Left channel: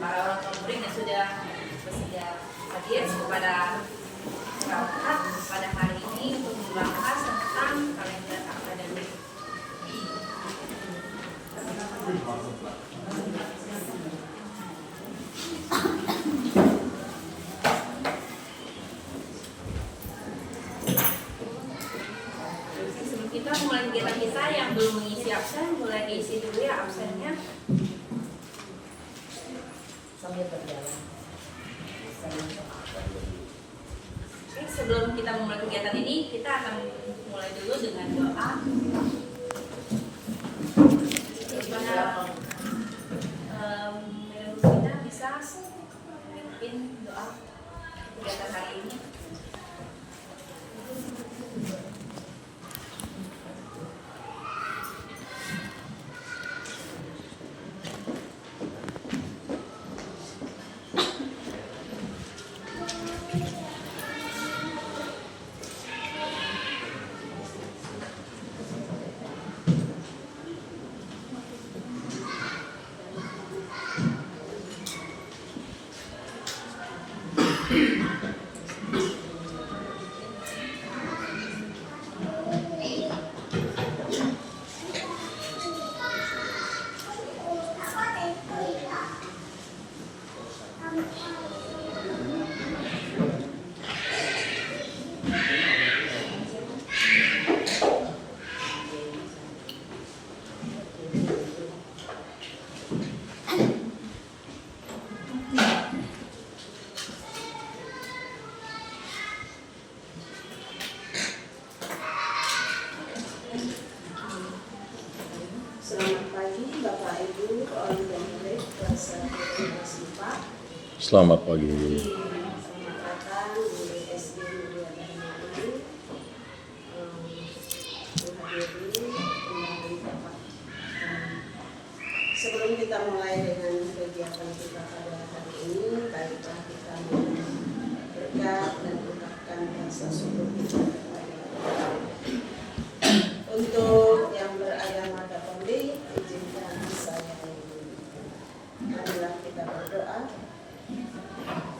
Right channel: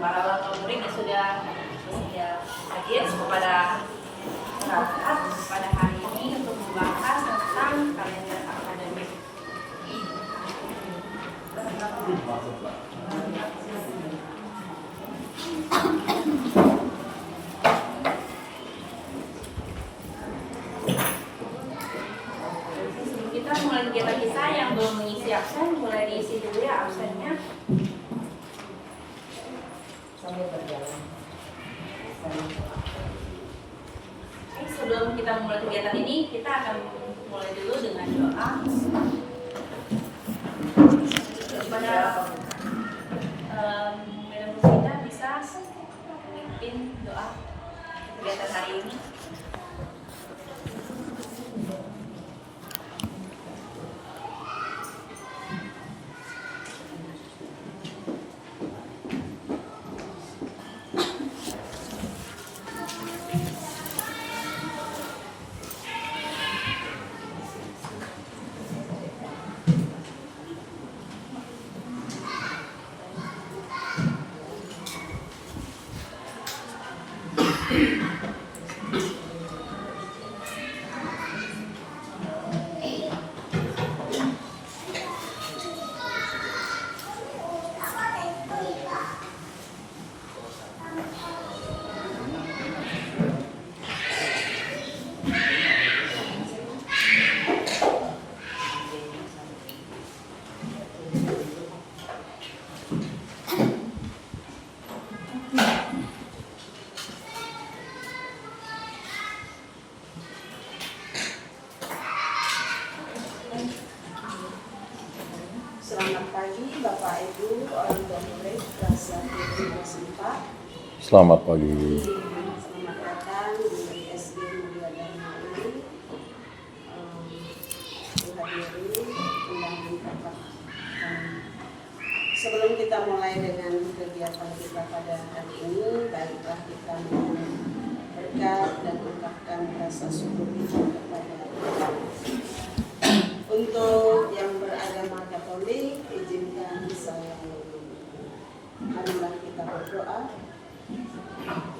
para orang tua murid yang sudah hadir kepada rapat pada hari ini untuk membahas tentang kalender akademik. Sebelum kita mulai kegiatan kita yang belum mengisi absen, mulai diisi dulu ya absennya. Sambil berjalan. Sebelum kita memulai kegiatan ini, kita akan mulai dulu dengan doa. Kepada kita bisa memimpin doa kegiatan hari ini. Selamat pagi. Selamat datang di SD Mulia Dharma. Dihadiri undangan Bapak. Sebelum kita mulai dengan kegiatan kita pada hari ini, baiklah kita berkat dan ucapkan rasa syukur kita kepada Allah. Untuk yang beragama Katolik, izinkan saya marilah kita berdoa.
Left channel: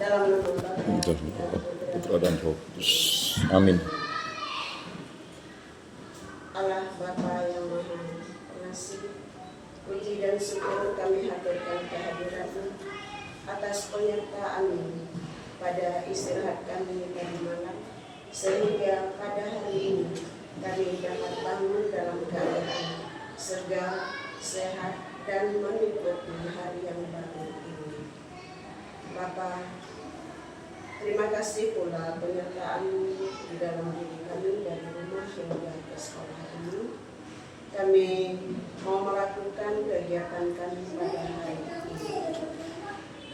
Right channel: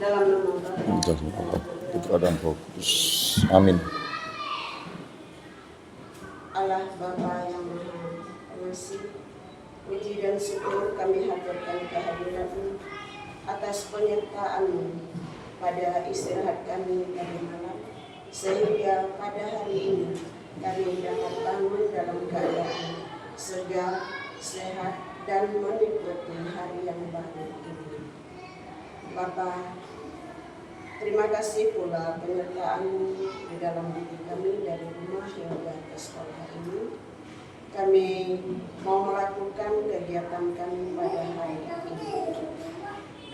Dalam nama Putra dan Roh. Amin. Allah Bapa yang Maha Pengasih, puji dan syukur kami haturkan kehadiran-Mu atas penyertaan-Mu pada istirahat kami tadi malam, sehingga pada hari ini kami dapat bangun dalam keadaan segar, sehat, dan menikmati hari yang baru ini. Bapa, terima kasih pula penyertaan-Mu di dalam diri kami dari rumah hingga ke sekolah ini. Kami mau melakukan kegiatan kami pada hari ini.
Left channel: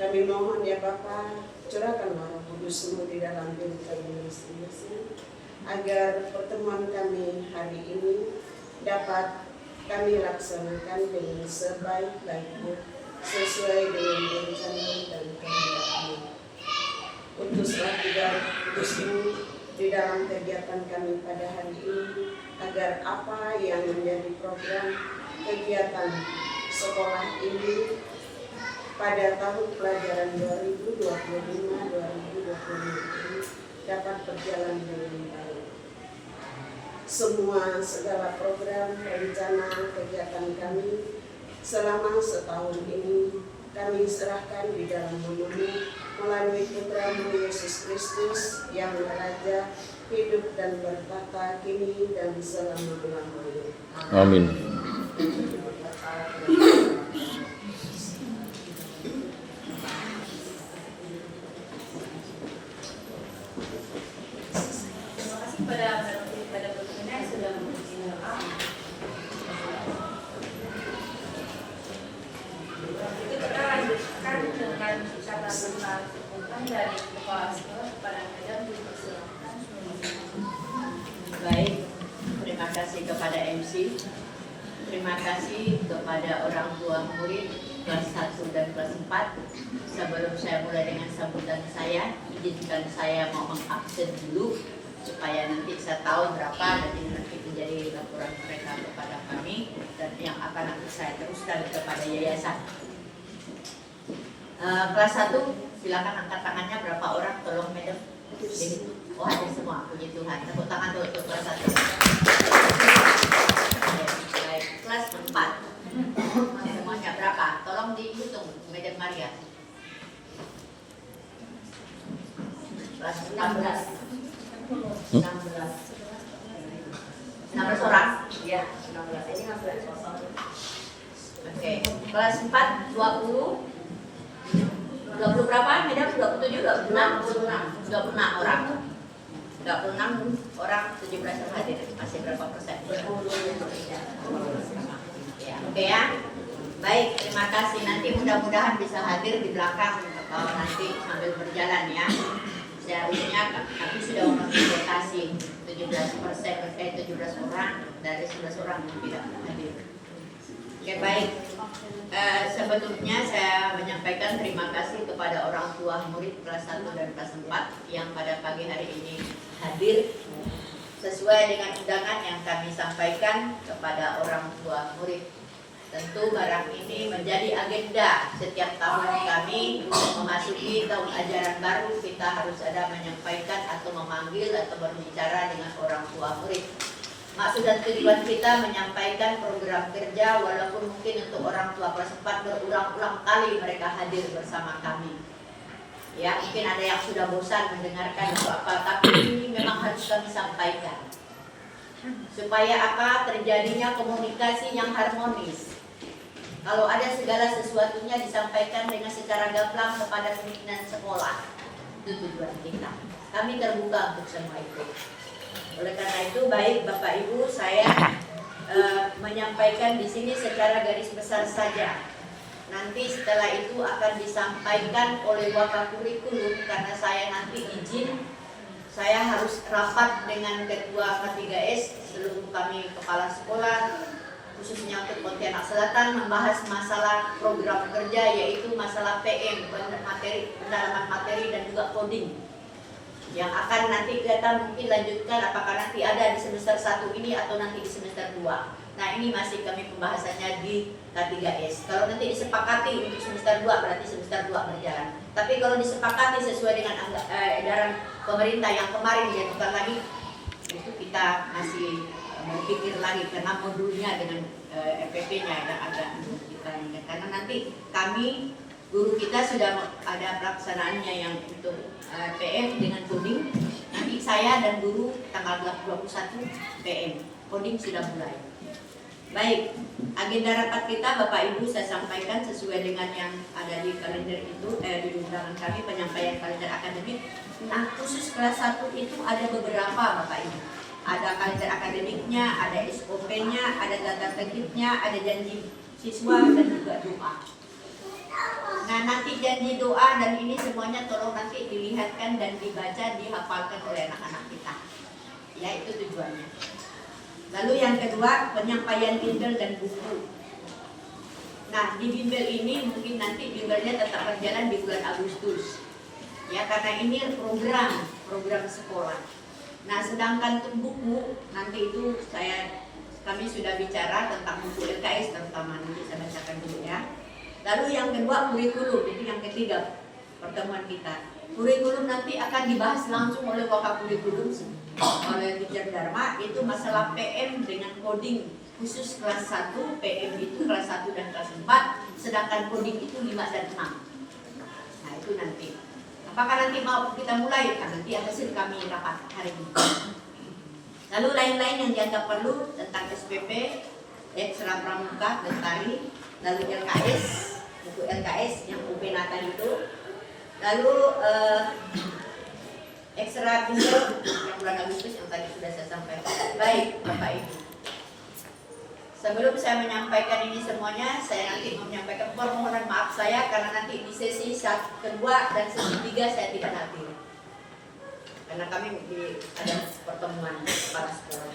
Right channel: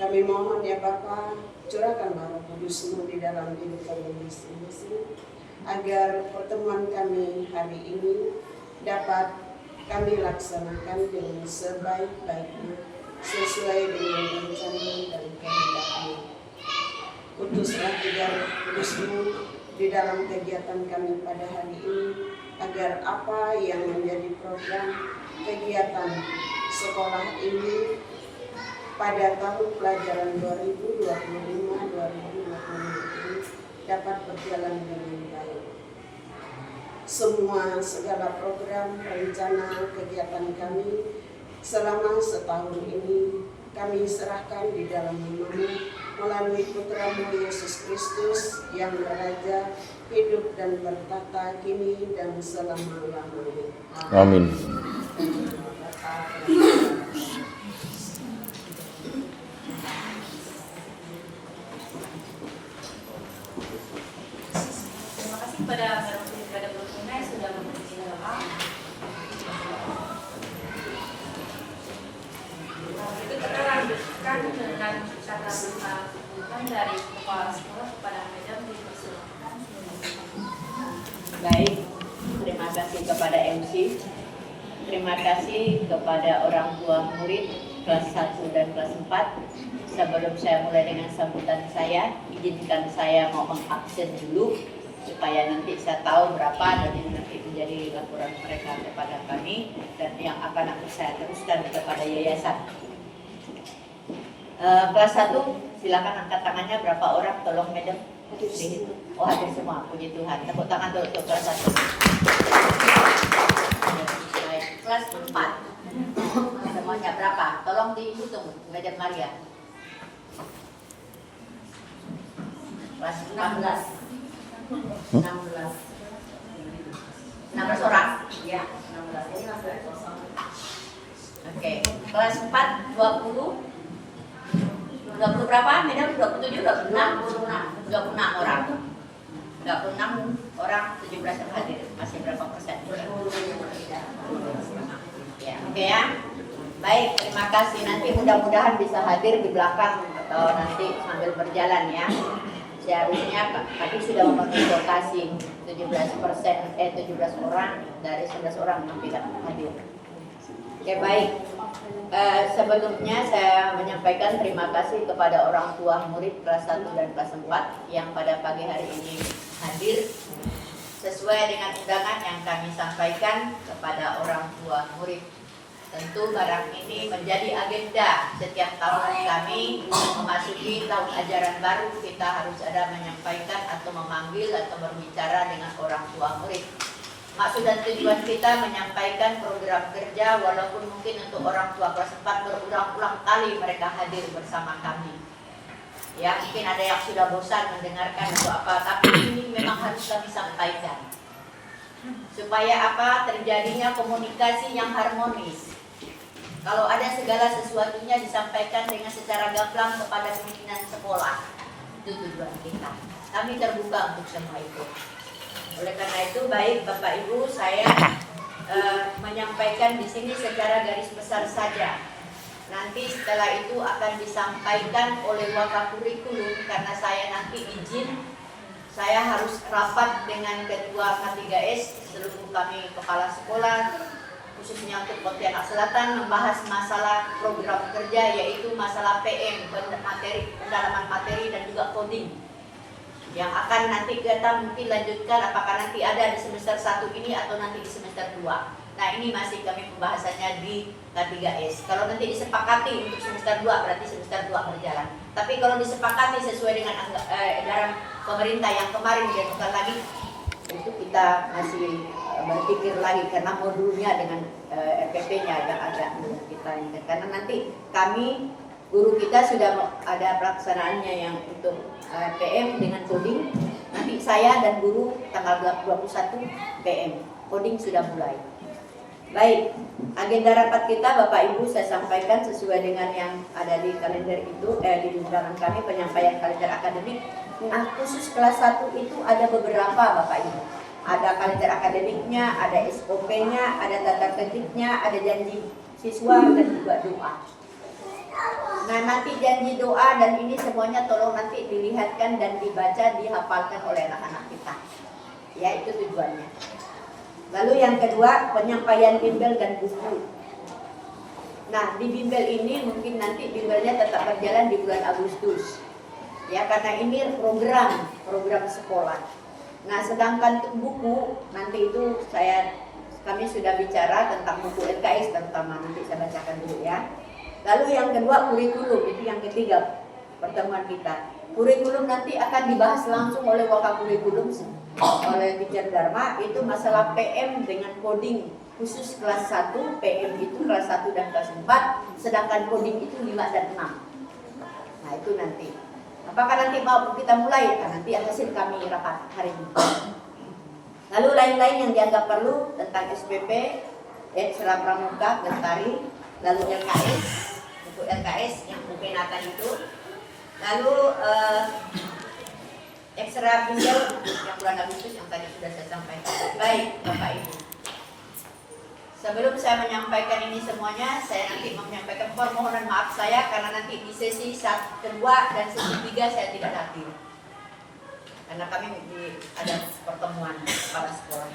Kami mohon ya Bapa, curahkanlah Roh Kudus-Mu di dalam diri kami masing-masing, agar pertemuan kami hari ini dapat kami laksanakan dengan sebaik-baiknya, sesuai dengan rencana dan kehendak-Mu. Utuslah juga Kudus-Mu di dalam kegiatan kami pada hari ini, agar apa yang menjadi program kegiatan sekolah ini pada tahun pelajaran 2025-2026 ini dapat berjalan dengan baik. Segala program rencana kegiatan kami selama setahun ini kami serahkan di dalam nama-Mu melalui Putra-Mu Yesus Kristus yang Raja, hidup dan bertata kini dan selama-lamanya. Amin. Terima kasih kepada berguna yang sudah memberikan doa. Kita lanjutkan dengan kata penghubungan dari kepala sekolah kepada Madam. Dipersilakan. Baik, terima kasih kepada MC. Terima kasih kepada orang tua murid kelas 1 dan kelas 4. Sebelum saya mulai dengan sambutan saya, izinkan saya mau mengabsen dulu supaya nanti saya tahu berapa dan ini nanti menjadi laporan mereka kepada kami dan yang akan nanti saya teruskan kepada yayasan. Kelas 1 silakan angkat tangannya, berapa orang, tolong madam dihitung. Oh hadir semua, puji Tuhan. Tepuk tangan untuk kelas 1. Baik, kelas 4 semuanya berapa? Tolong dihitung, madam Maria. Kelas 16 orang? Ya, 16 ini masuk kosong. Oke, kelas 4 20 berapa? Madam 27, 26 orang. 26 orang, 17 yang hadir. Masih berapa persen? Ya, oke ya. Baik, terima kasih. Nanti mudah-mudahan bisa hadir di belakang atau nanti sambil berjalan ya. Seharusnya kami sudah memenuhi lokasi 17 orang dari 11 orang yang tidak hadir. Oke, baik. Sebelumnya saya menyampaikan terima kasih kepada orang tua murid kelas 1 dan kelas 4 yang pada pagi hari ini hadir sesuai dengan undangan yang kami sampaikan kepada orang tua murid. Tentu barang ini menjadi agenda setiap tahun kami untuk memasuki tahun ajaran baru, kita harus ada menyampaikan atau memanggil atau berbicara dengan orang tua murid. Maksud dan tujuan kita menyampaikan program kerja walaupun mungkin untuk orang tua kelas 4 berulang-ulang kali mereka hadir bersama kami. Ya, mungkin ada yang sudah bosan mendengarkan atau apa, tapi ini memang harus kami sampaikan. Supaya apa? Terjadinya komunikasi yang harmonis. Kalau ada segala sesuatunya disampaikan dengan secara gamblang kepada pimpinan sekolah, itu tujuan kita. Kami terbuka untuk semua itu. Oleh karena itu, baik Bapak Ibu, saya menyampaikan di sini secara garis besar saja. Nanti setelah itu akan disampaikan oleh Wakakurikulum karena saya nanti izin, saya harus rapat dengan Ketua K3S, seluruh kami kepala sekolah, khususnya untuk Pontianak Selatan, membahas masalah program kerja yaitu masalah PM, pendalaman materi dan juga coding yang akan nanti kita mungkin lanjutkan apakah nanti ada di semester 1 ini atau nanti di semester 2. Nah ini masih kami pembahasannya di K3S. Kalau nanti disepakati untuk semester 2 berarti semester 2 berjalan. Tapi kalau disepakati sesuai dengan edaran pemerintah yang kemarin diajukan lagi, itu kita masih berpikir lagi karena modulnya dengan RPP-nya yang agak kita ingat. Karena nanti kami, guru kita sudah ada pelaksanaannya yang untuk PM dengan coding. Nanti saya dan guru tanggal 21 PM, coding sudah mulai. Baik, agenda rapat kita Bapak Ibu saya sampaikan sesuai dengan yang ada di kalender itu, di undangan kami penyampaian kalender akademik. Nah khusus kelas 1 itu ada beberapa Bapak Ibu. Ada kalender akademiknya, ada SOP-nya, ada data tertibnya, ada janji siswa dan juga doa. Nah nanti janji doa dan ini semuanya tolong nanti dilihatkan dan dibaca, dihafalkan oleh anak-anak kita. Ya itu tujuannya. Lalu yang kedua penyampaian bimbel dan buku. Nah di bimbel ini mungkin nanti bimbelnya tetap berjalan di bulan Agustus. Ya karena ini program sekolah. Nah sedangkan untuk buku nanti itu kami sudah bicara tentang buku LKS terutama, nanti saya bacakan dulu ya. Lalu yang kedua kurikulum, ini yang ketiga pertemuan kita. Kurikulum nanti akan dibahas langsung oleh Wakakurikulum oleh Teacher Dharma, itu masalah PM dengan coding khusus kelas 1, PM itu kelas 1 dan kelas 4, sedangkan coding itu 5 dan 6. Nah itu nanti. Apakah nanti mau kita mulai? Nah, nanti hasil kami rapat hari ini. Lalu lain-lain yang dianggap perlu tentang SPP, ekstra pramuka, gentari, lalu LKS, buku LKS yang buku Nathan itu, lalu ekstra bimbel yang bulan Agustus yang tadi sudah saya sampaikan. Baik Bapak Ibu, sebelum saya menyampaikan ini semuanya, saya nanti menyampaikan permohonan maaf saya karena nanti di sesi kedua dan sesi 3 saya tidak hadir karena kami ada pertemuan kepala sekolah.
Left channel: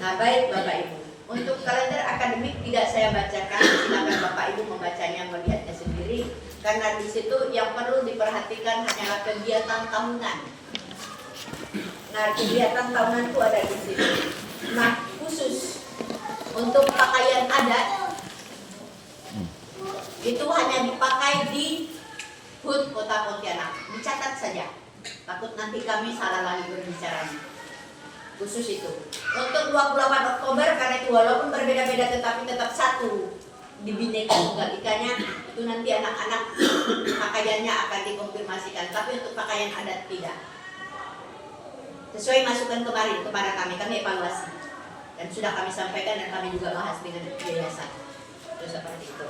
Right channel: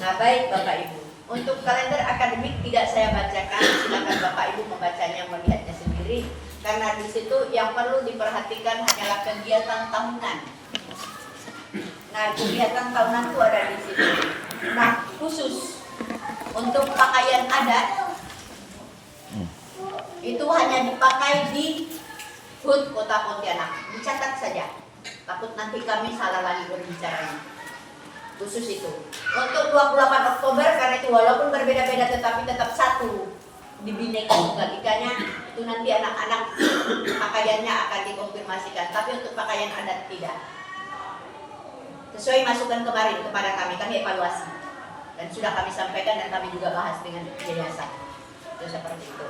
Nah baik Bapak Ibu, untuk kalender akademik tidak saya bacakan, silakan Bapak Ibu membacanya, melihatnya sendiri karena di situ yang perlu diperhatikan hanyalah kegiatan tahunan. Nah kegiatan tahunan itu ada di situ. Nah khusus untuk pakaian adat itu hanya dipakai di HUT Kota Pontianak. Dicatat saja. Takut nanti kami salah lagi berbicaranya. Khusus itu. Untuk 28 Oktober karena itu walaupun berbeda-beda tetapi tetap satu di Bhinneka Tunggal Ika-nya, itu nanti anak-anak pakaiannya akan dikonfirmasikan. Tapi untuk pakaian adat tidak. Sesuai masukan kemarin kepada kami evaluasi. Dan sudah kami sampaikan dan kami juga bahas dengan yayasan. Itu seperti itu.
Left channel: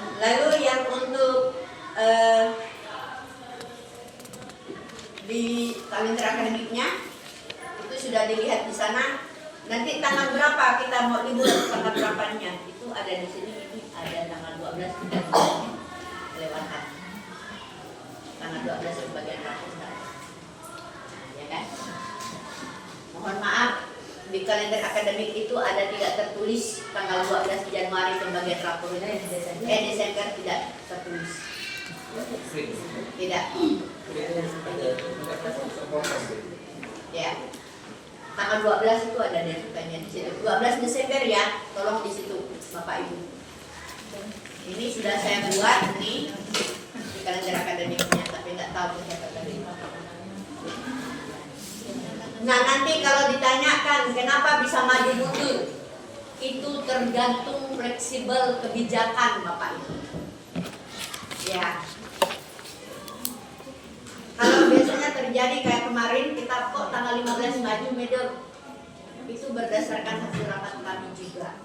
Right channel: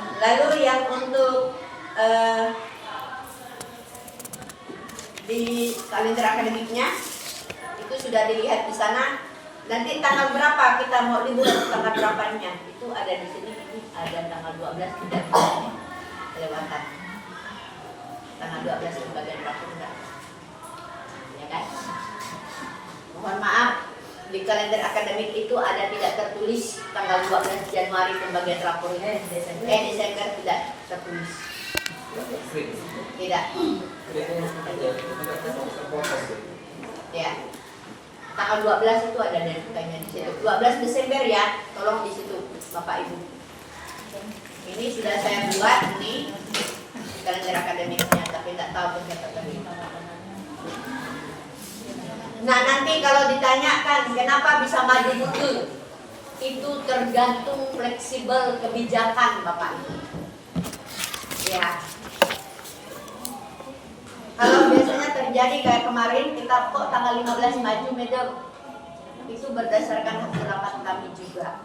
Lalu yang untuk di kalender akademiknya itu sudah dilihat di sana. Nanti tanggal berapa kita mau liburan, tanggal berapanya itu ada di sini. Ini ada tanggal 12 tidak kelewatan. Tanggal 12 itu bagian rapat, ya kan? Mohon maaf, di kalender akademik itu ada tidak tertulis tanggal 12 Januari pembagian rapor. Desember tidak tertulis. Tidak. Ya. Tanggal 12 itu ada deadline-nya di situ. 12 Desember ya, tolong di situ Bapak Ibu. Ini sudah saya buat ini di kalender akademiknya, tapi tidak tahu berapa tadi. Nah, nanti kalau ditanyakan kenapa bisa maju mundur, itu tergantung fleksibel kebijakan Bapak Ibu. Ya. Kalau biasanya terjadi kayak kemarin kita kok tanggal 15 maju medal, itu berdasarkan hasil rapat kami juga.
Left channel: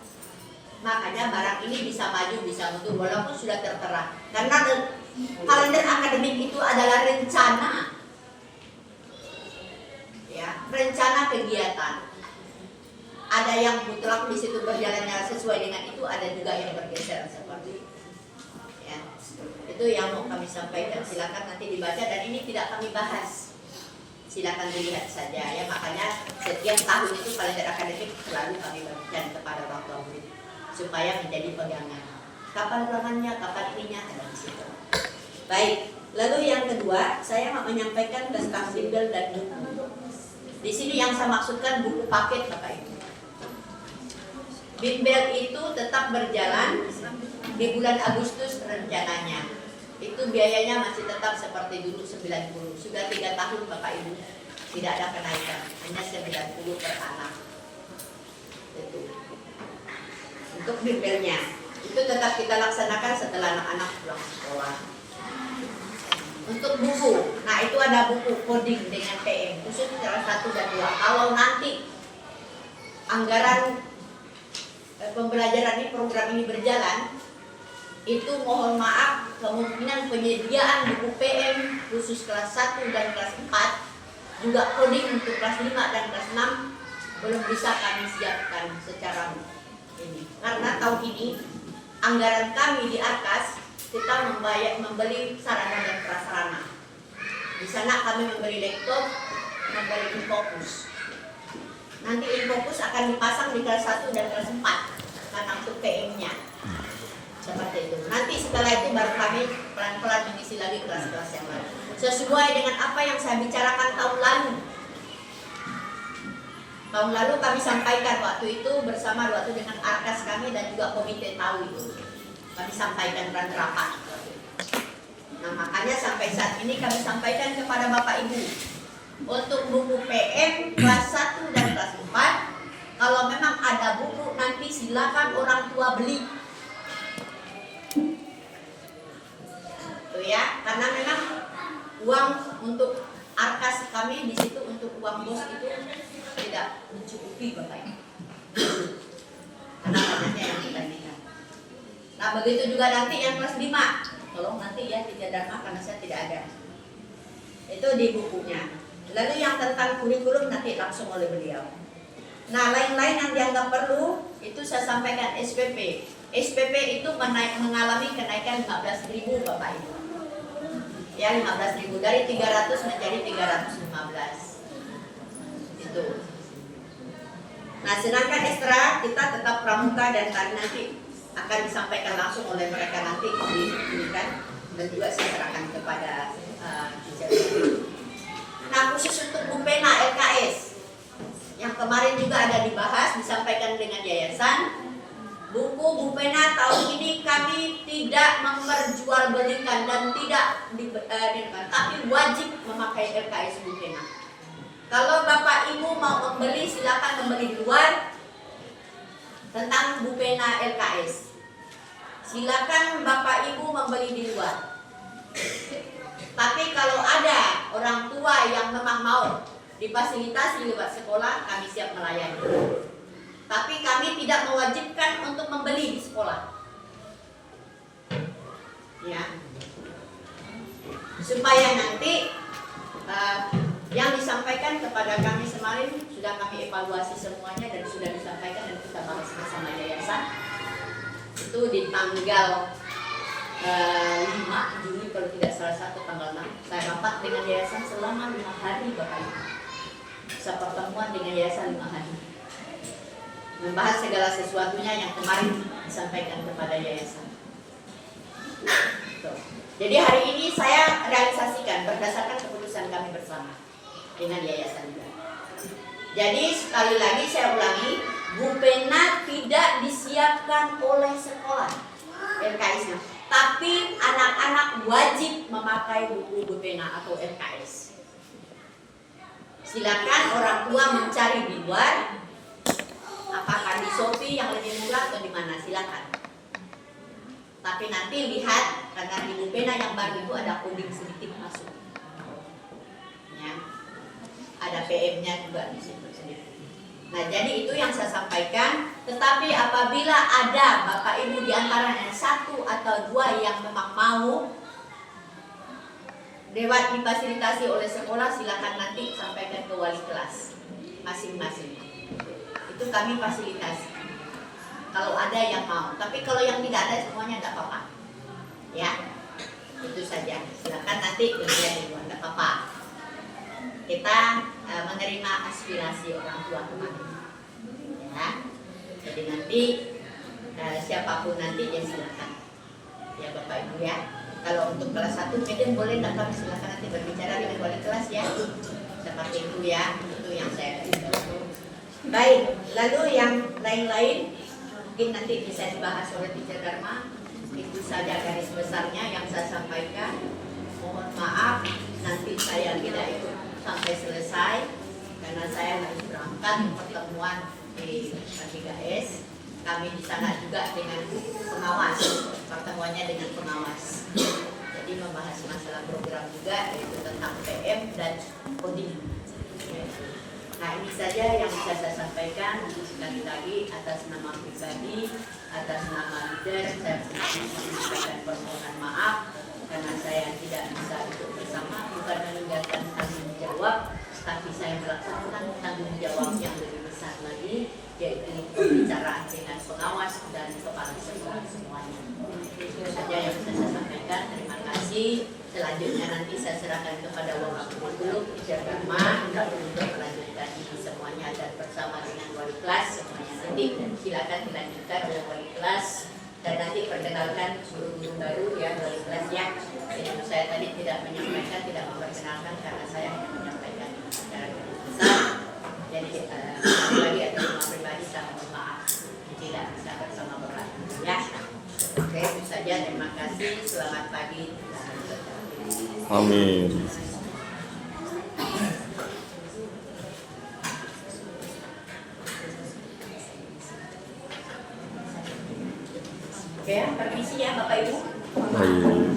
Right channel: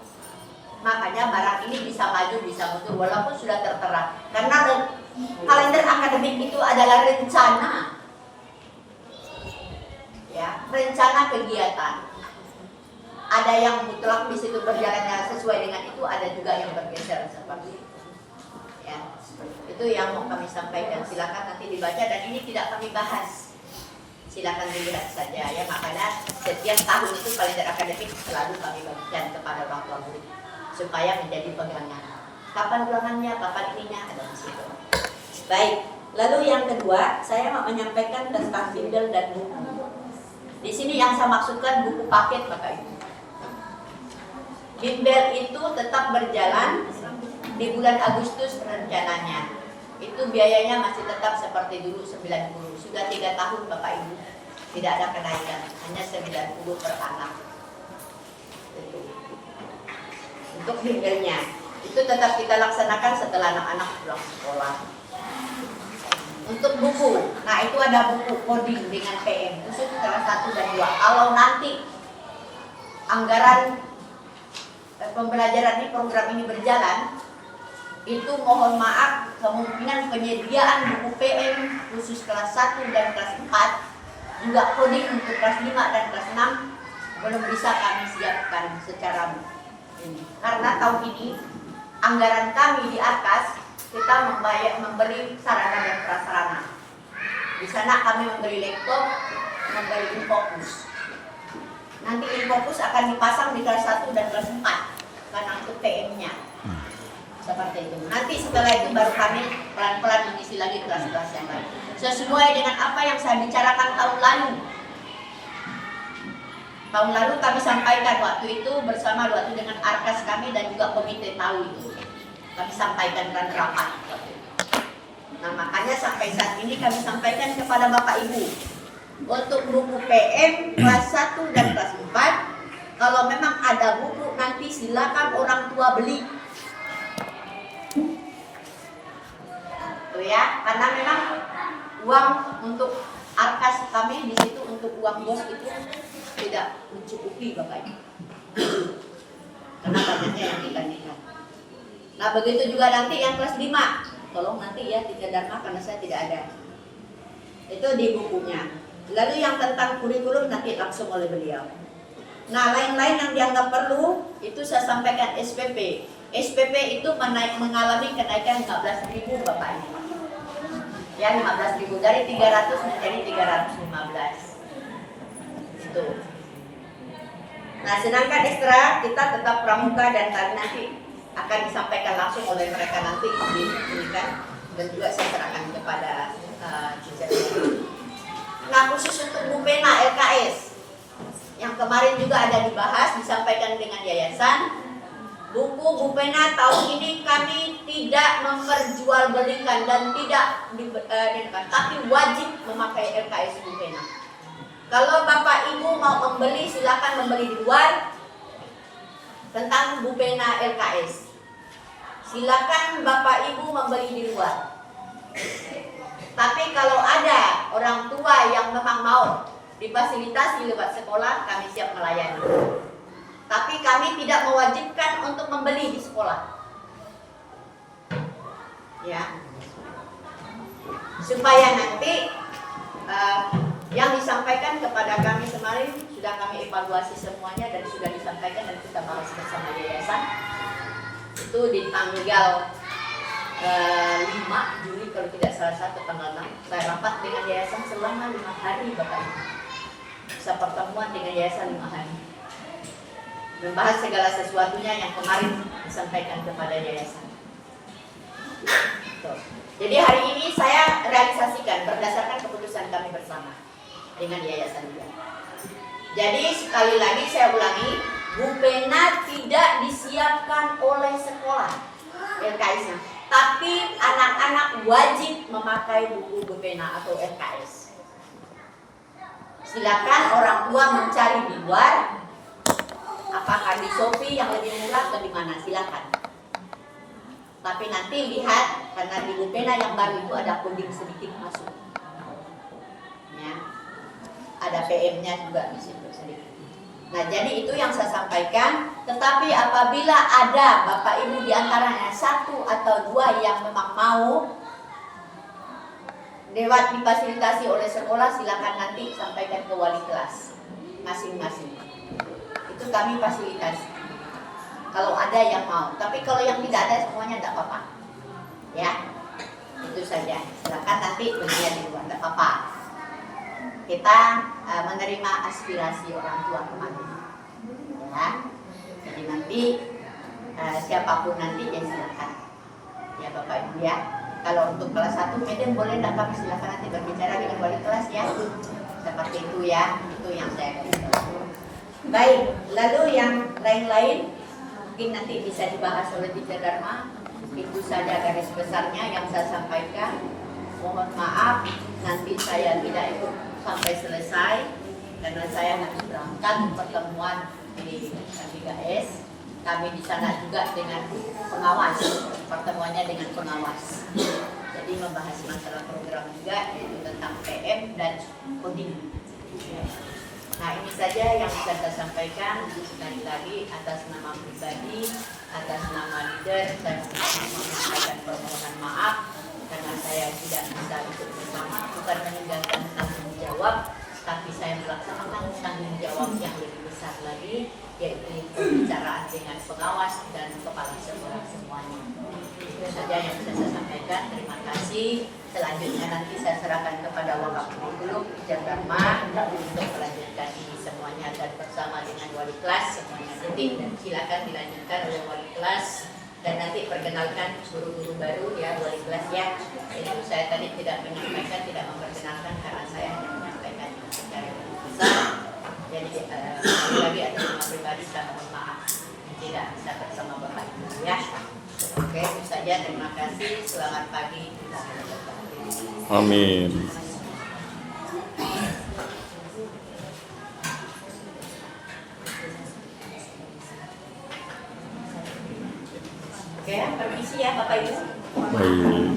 Makanya barang ini bisa maju bisa mundur walaupun sudah tertera. Karena kalender akademik itu adalah rencana. Ya, rencana kegiatan. Ada yang mutlak di situ berjalannya sesuai dengan itu, ada juga yang bergeser seperti itu. Ya, itu yang mau kami sampaikan. Silakan nanti dibaca dan ini tidak kami bahas. Silakan dilihat saja ya. Makanya setiap tahun itu kalender akademik selalu kami bagikan kepada orang tua murid supaya menjadi pegangan. Kapan ulangannya, kapan ininya ada di situ. Baik. Lalu yang kedua, saya mau menyampaikan tentang bimbel dan buku. Di sini yang saya maksudkan buku paket Bapak Ibu. Bimbel itu tetap berjalan di bulan Agustus rencananya. Itu biayanya masih tetap seperti dulu 90. Sudah 3 tahun Bapak Ibu. Tidak ada kenaikan, hanya 90 per anak. Untuk bimbelnya itu tetap kita laksanakan setelah anak-anak pulang sekolah. Untuk buku, nah itu ada buku coding dengan PM khusus kelas 1 dan 2. Kalau nanti anggaran pembelajaran ini program ini berjalan, itu mohon maaf kemungkinan penyediaan buku PM khusus kelas 1 dan kelas 4 juga coding untuk kelas 5 dan kelas 6 belum bisa kami siapkan secara ini. Karena tahun ini anggaran kami di Arkas kita membeli sarana dan prasarana. Di sana kami memberi laptop, memberi Infocus. Nanti Infocus akan dipasang di kelas 1 dan kelas 4 karena untuk PM-nya. Seperti itu. Nanti setelah itu baru kami pelan-pelan mengisi lagi kelas-kelas yang lain. Sesuai dengan apa yang saya bicarakan tahun lalu. Tahun lalu kami sampaikan waktu itu bersama waktu dengan Arkas kami dan juga komite tahu itu. Kami sampaikan dan rapat. Nah makanya sampai saat ini kami sampaikan kepada Bapak Ibu untuk buku PM kelas 1 dan kelas 4 kalau memang ada buku nanti silakan orang tua beli. Tuh ya, karena memang uang untuk Arkas kami di situ untuk uang bos itu tidak mencukupi Bapak Ibu. Karena banyaknya yang kita lihat. Nah begitu juga nanti yang kelas 5, tolong nanti ya 3 Dharma karena saya tidak ada. Itu di bukunya. Lalu yang tentang kurikulum nanti langsung oleh beliau. Nah lain-lain yang dianggap perlu itu saya sampaikan SPP. SPP itu mengalami kenaikan 15.000 Bapak Ibu. Ya 15.000 dari 300 menjadi 315. Itu. Nah sedangkan ekstra kita tetap pramuka dan tadi nanti akan disampaikan langsung oleh mereka nanti diberikan dan juga saya serahkan kepada Nah khusus untuk Bupena LKS yang kemarin juga ada dibahas disampaikan dengan yayasan buku Bu Pena tahun ini kami tidak memperjualbelikan dan tidak tapi wajib memakai LKS Bu Pena. Kalau Bapak Ibu mau membeli, silakan membeli di luar tentang Bu Pena LKS. Silakan Bapak Ibu membeli di luar. Tapi kalau ada orang tua yang memang mau difasilitasi lewat sekolah, kami siap melayani. Tapi kami tidak mewajibkan untuk membeli di sekolah. Ya. Supaya nanti yang disampaikan kepada kami kemarin sudah kami evaluasi semuanya dan sudah disampaikan dan kita bahas bersama yayasan. Itu di tanggal 5 Juli kalau tidak salah, satu tanggal 6 saya rapat dengan yayasan selama 5 hari Bapak Ibu. Bisa pertemuan dengan yayasan 5 hari. Membahas segala sesuatunya yang kemarin disampaikan kepada yayasan. Jadi hari ini saya realisasikan berdasarkan keputusan kami bersama dengan yayasan juga. Jadi sekali lagi saya ulangi, Bu Pena tidak disiapkan oleh sekolah LKS-nya, tapi anak-anak wajib memakai buku Bu Pena atau LKS. Silakan orang tua mencari di luar. Apakah di Shopee yang lebih murah atau di mana? Silakan. Tapi nanti lihat karena di Bu Pena yang baru itu ada coding sedikit masuk. Ya. Ada PM-nya juga di situ sedikit. Nah, jadi itu yang saya sampaikan. Tetapi apabila ada Bapak Ibu di antaranya 1 atau 2 yang memang mau lewat difasilitasi oleh sekolah, silakan nanti sampaikan ke wali kelas masing-masing. Itu kami fasilitasi kalau ada yang mau, tapi kalau yang tidak ada semuanya tidak apa-apa ya, itu saja. Silakan nanti berlian di luar, tidak apa-apa. Kita menerima aspirasi orang tua kemarin ya. Jadi nanti siapapun nanti ya silakan ya Bapak Ibu ya. Kalau untuk kelas 1 medium boleh datang, silakan nanti berbicara dengan wali kelas ya, seperti itu ya. Itu yang saya baik, lalu yang lain-lain mungkin nanti bisa dibahas oleh Teacher Dharma. Itu saja garis besarnya yang saya sampaikan. Mohon maaf nanti saya tidak ikut sampai selesai karena saya harus berangkat pertemuan di KPKS. Kami di sana juga dengan pengawas, pertemuannya dengan pengawas. Jadi membahas masalah program juga, yaitu tentang PM dan coding. Nah, ini saja yang bisa saya sampaikan. Sekali lagi atas nama pribadi, atas nama leader, saya menyampaikan permohonan maaf karena saya tidak bisa ikut bersama, bukan meninggalkan tanggung jawab, tapi saya melaksanakan tanggung jawab yang lebih besar lagi, yaitu pembicaraan dengan pengawas dan kepala sekolah semuanya. Itu saja yang bisa saya sampaikan. Terima kasih. Selanjutnya nanti saya serahkan kepada Wakapuri Teacher Dharma untuk melanjutkan ini semuanya dan bersama dengan wali kelas semuanya nanti, dan silakan dilanjutkan oleh wali kelas dan nanti perkenalkan guru-guru baru ya wali kelas ya. Jadi saya tadi tidak menyampaikan, tidak memperkenalkan karena saya hanya menyampaikan secara besar. Jadi pribadi atau rumah pribadi saya mohon maaf tidak bisa bersama Bapak ya. Oke, itu saja. Terima kasih. Selamat pagi. Amin. Oke ya, permisi ya Bapak Ibu. Baik.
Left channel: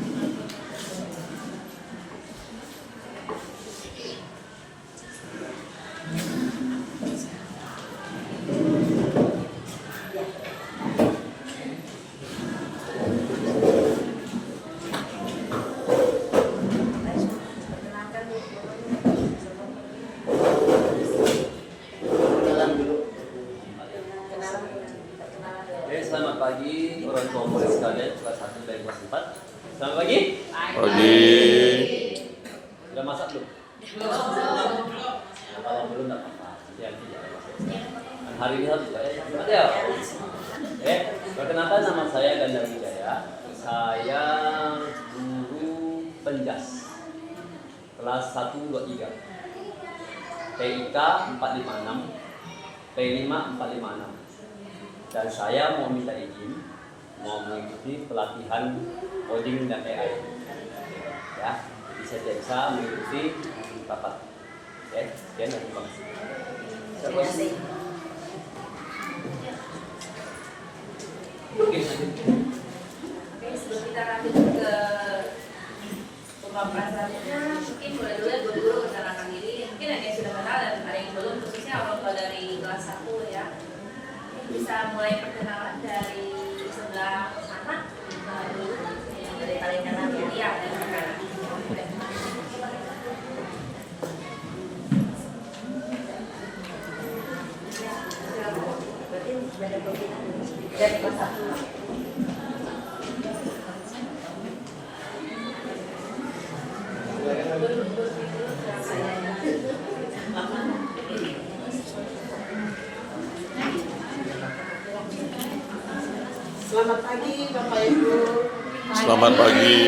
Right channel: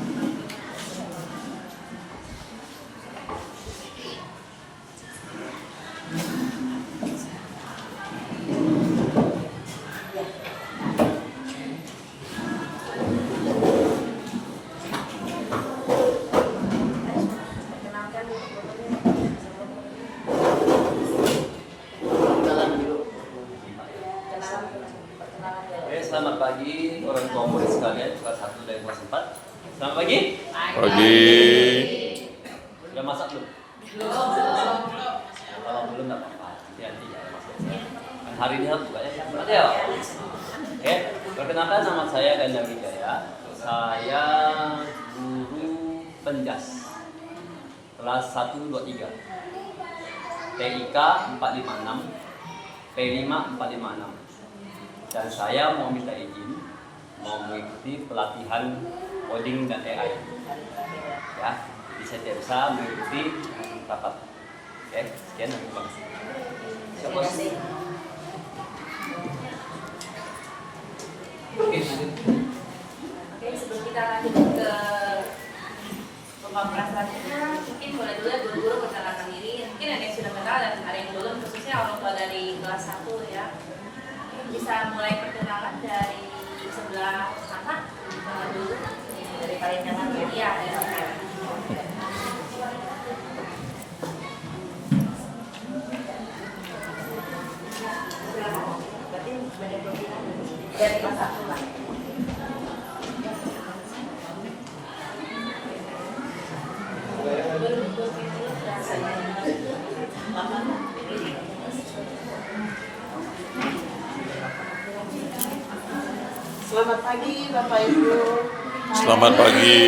Oke, selamat pagi orang tua murid sekalian, kelas 1 dari kelas 4. Selamat pagi. Pagi. Sudah masak belum? Belum. Kalau belum nggak apa-apa. Nanti ya. Kan hari ini harus juga ya. Selamat ya. Oke, perkenalkan nama saya Ganda Wijaya. Saya guru penjas kelas 1, 2, 3. TIK 456, P5 456. dan saya mau minta izin mau mengikuti pelatihan coding dan AI. Ya, jadi saya tidak bisa mengikuti rapat. Oke, sekian dan terima kasih. Siapa? Oke, sebelum kita lanjut ke pemaparan selanjutnya, mungkin boleh dulu ya guru-guru perkenalkan diri. Mungkin ada yang sudah kenal dan ada yang belum, khususnya orang tua dari kelas 1 ya. Bisa mulai perkenalan dari sebelah anak dulu, dari kalian kanan kiri ya, dari kamera. Berarti sudah ada program dari kelas 1 lah. Selamat pagi Bapak Ibu. Selamat pagi.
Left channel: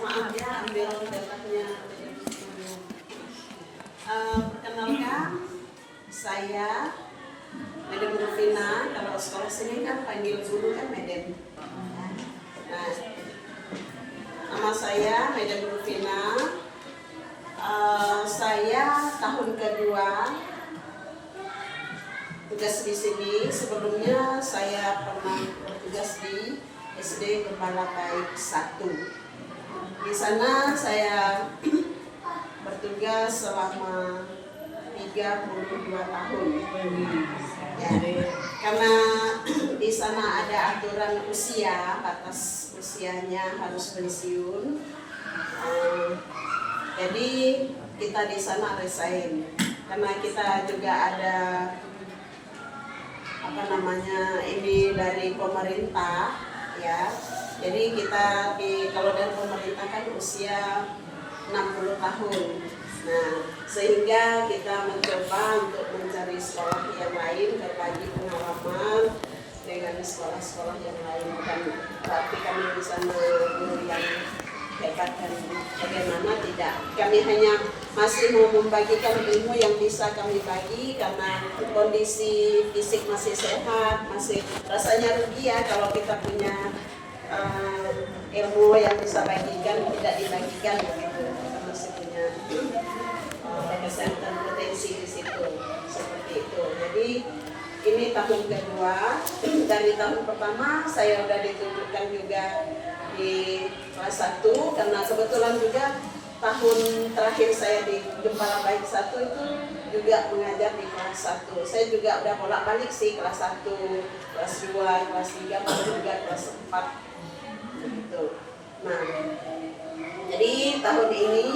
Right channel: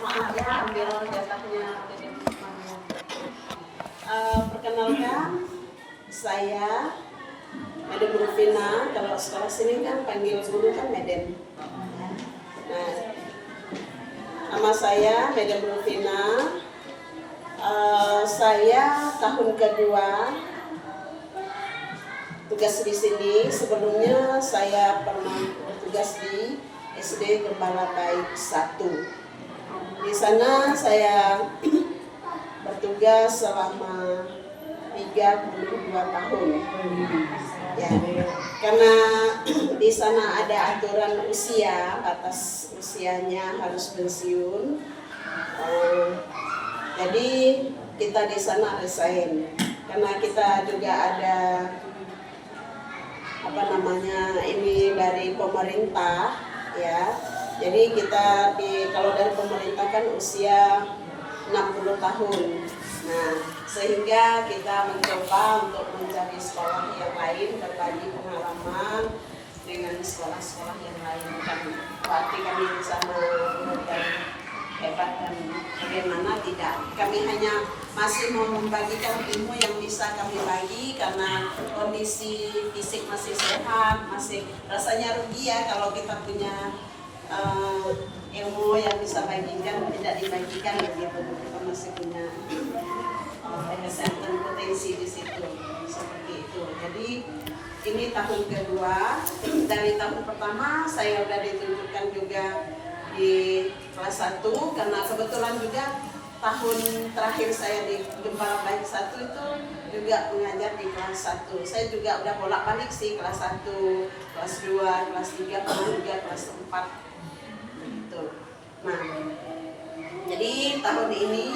Maaf ya, ambil datanya. Perkenalkan, saya Madam Rufina. Kalau sekolah sini kan panggil guru kan Madam. Nah, nama saya Madam Rufina. Saya tahun kedua tugas di sini. Sebelumnya saya pernah bertugas di SD Gembala Baik 1. Di sana saya bertugas selama 32 tahun. Ya, karena di sana ada aturan usia, batas usianya harus pensiun. Jadi kita di sana resign karena kita juga ada ini dari pemerintah ya. Jadi kita kalau dari pemerintah kan usia 60 tahun. Nah, sehingga kita mencoba untuk mencari sekolah yang lain, berbagi pengalaman dengan sekolah-sekolah yang lain. Bukan berarti kami di sana guru yang hebat dan bagaimana, tidak. Kami hanya masih mau membagikan ilmu yang bisa kami bagi karena kondisi fisik masih sehat, masih rasanya rugi ya kalau kita punya ilmu yang bisa bagikan tidak dibagikan begitu. Kita masih punya kesehatan potensi di situ seperti itu. Jadi ini tahun kedua. Dari tahun pertama saya sudah ditunjukkan juga di kelas 1 karena kebetulan juga tahun terakhir saya di Gembala Baik 1 itu juga mengajar di kelas 1. Saya juga udah bolak-balik sih, kelas 1, kelas 2, kelas 3, baru juga kelas 4 gitu. Nah, jadi tahun ini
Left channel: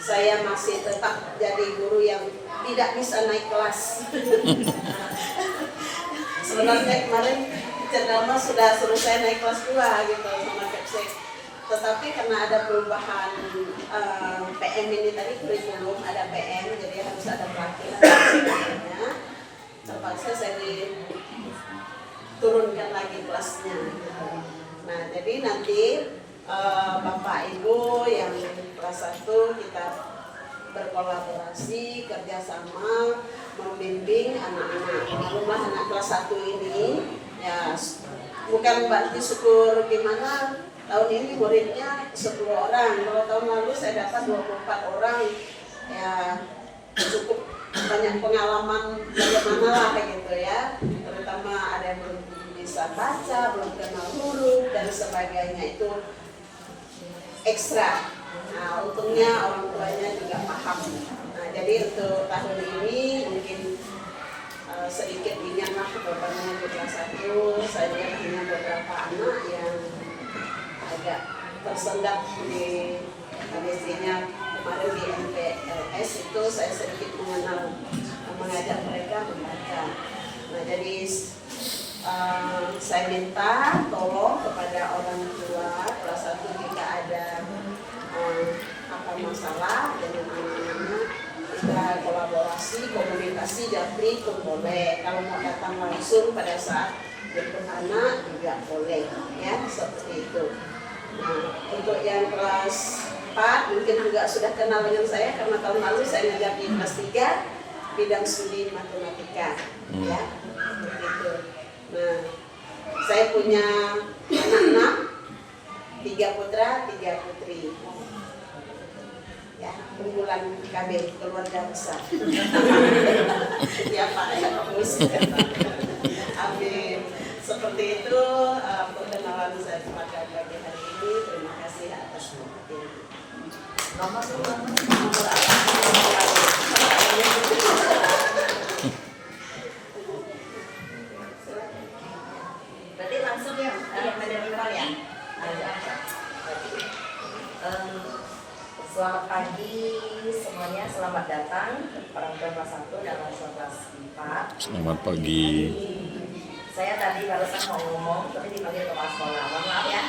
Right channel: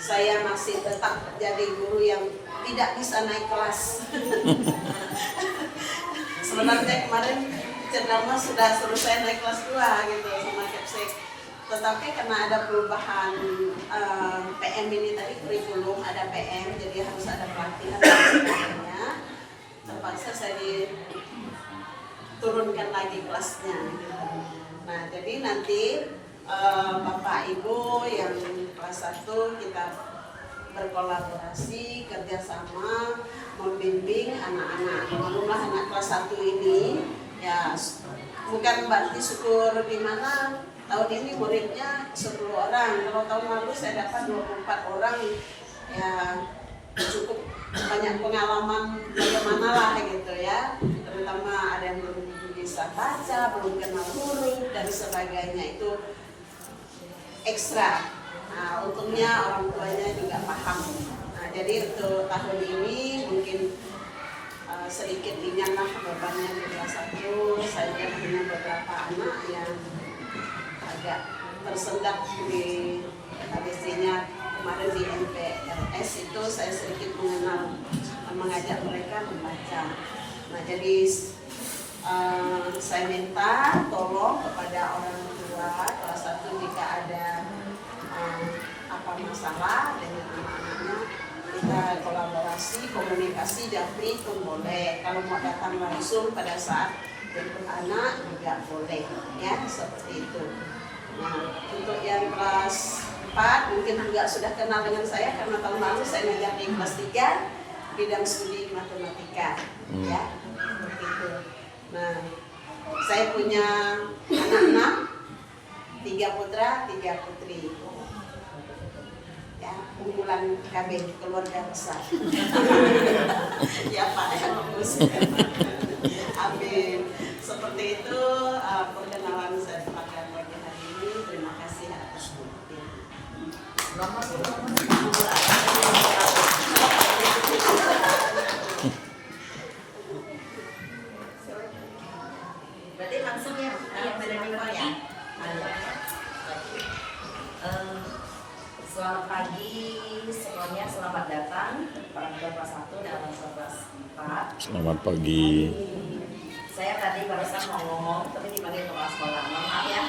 saya masih tetap jadi guru yang tidak bisa naik kelas. Sebenarnya kemarin Cendelma sudah suruh saya naik kelas 2 gitu sama Kepsek. Tetapi karena ada perubahan PM ini tadi, kurikulum ada PM, jadi harus ada pelatihan sebagainya. Terpaksa saya diturunkan lagi kelasnya gitu. Nah, jadi nanti Bapak Ibu yang kelas 1 kita berkolaborasi, kerjasama, membimbing anak-anak. Belumlah anak kelas 1 ini ya bukan berarti syukur gimana. Tahun ini muridnya 10 orang, kalau tahun lalu saya dapat 24 orang, ya cukup banyak pengalaman bagaimana lah gitu ya. Terutama ada yang belum bisa baca, belum kenal huruf dan sebagainya, itu ekstra. Nah, untungnya orang tuanya juga paham. Nah, jadi untuk tahun ini mungkin sedikit ringanlah bebannya di kelas 1. Saya punya beberapa anak yang agak tersendat di ABC-nya. Kemarin di MPLS itu saya sedikit mengajak mereka membaca. Nah, jadi saya minta tolong kepada orang tua kelas 1 jika ada apa masalah dengan anak-anaknya, kita kolaborasi, komunikasi, japri pun boleh. Kalau mau datang langsung pada saat jemput anak juga boleh, ya seperti itu. Nah, untuk yang kelas 4 mungkin juga sudah kenal dengan saya karena tahun lalu saya ngajar di kelas 3. bidang studi matematika, ya, begitu. Nah, saya punya anak-anak, 3 putra, 3 putri. Ya, unggulan KB, keluarga besar. Ya Pak, ya bagus. Amin. Seperti itu perkenalan saya pada pagi hari ini. Terima kasih atas waktunya. Berarti langsung ya, yang menerima ya. Selamat pagi semuanya, selamat datang orang tua kelas 1 dan orang tua kelas 4. Selamat pagi. Saya tadi barusan mau ngomong, tapi dipanggil kepala sekolah. Mohon maaf ya.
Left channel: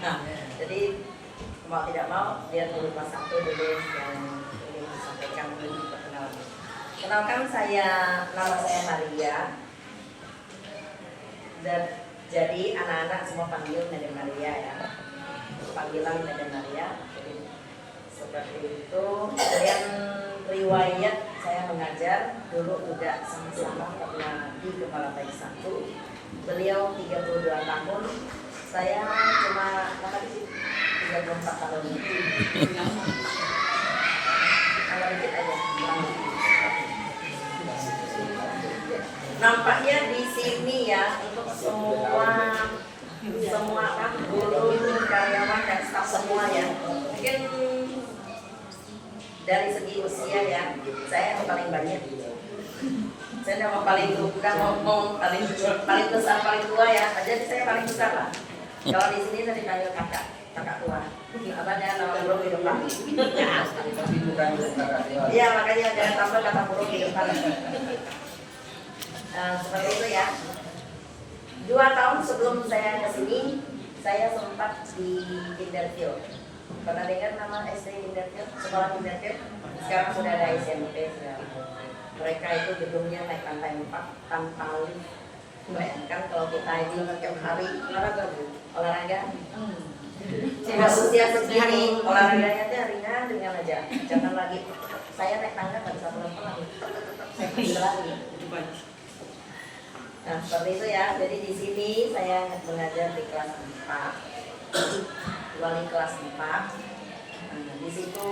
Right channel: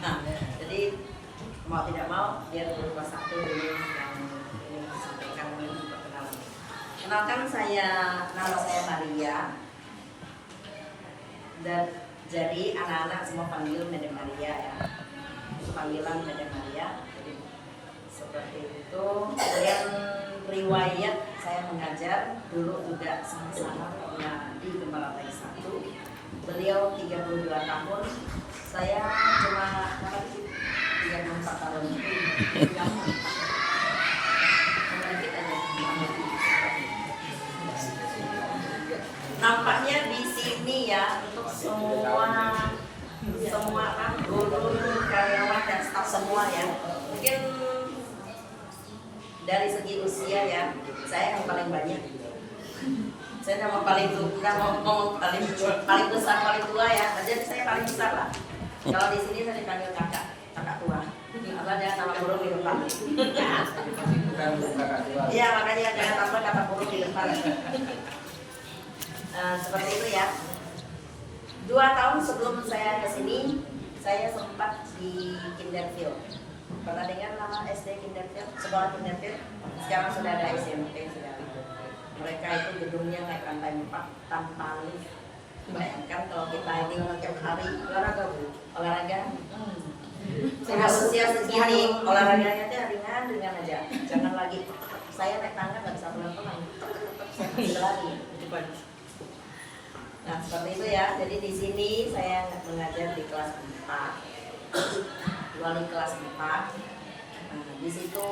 Nah, jadi mau tidak mau dia guru kelas 1 dulu yang ingin disampaikan lebih perkenalan. Kenalkan nama saya Maria. Dan jadi anak-anak semua panggil Madam Maria ya. Panggilan Madam Maria. Seperti itu. Kemudian riwayat saya mengajar dulu juga sama-sama pernah di Gembala Bayi 1. Beliau 32 tahun, saya cuma 34 tahun. Dikit aja. Nampaknya di sini ya untuk semua kan guru, karyawan dan staf semua ya. Mungkin dari segi usia ya, saya yang paling banyak. Saya udah mau paling besar, paling tua ya. Jadi saya paling besar lah. Kalau di sini saya dipanggil kakak tua. Apanya nama burung di depan. Iya, makanya jangan tambah kata burung di depan. Seperti itu ya. 2 tahun sebelum saya ke sini, saya sempat di Kinderfield. Pernah dengar nama SD Kinderfield? Sekolah Kinderfield? Sekarang sudah ada SMP, sudah. Mereka itu gedungnya naik lantai 4 tanpa lift. Bayangkan kalau kita ini tiap hari olahraga. Sudah usia segini, olahraganya itu ringan aja. Jangan lagi. Saya naik tangga nggak bisa pelan-pelan. Saya bisa lagi. Nah, seperti itu ya. Jadi di sini saya mengajar di kelas 4. Wali kelas 4. Di situ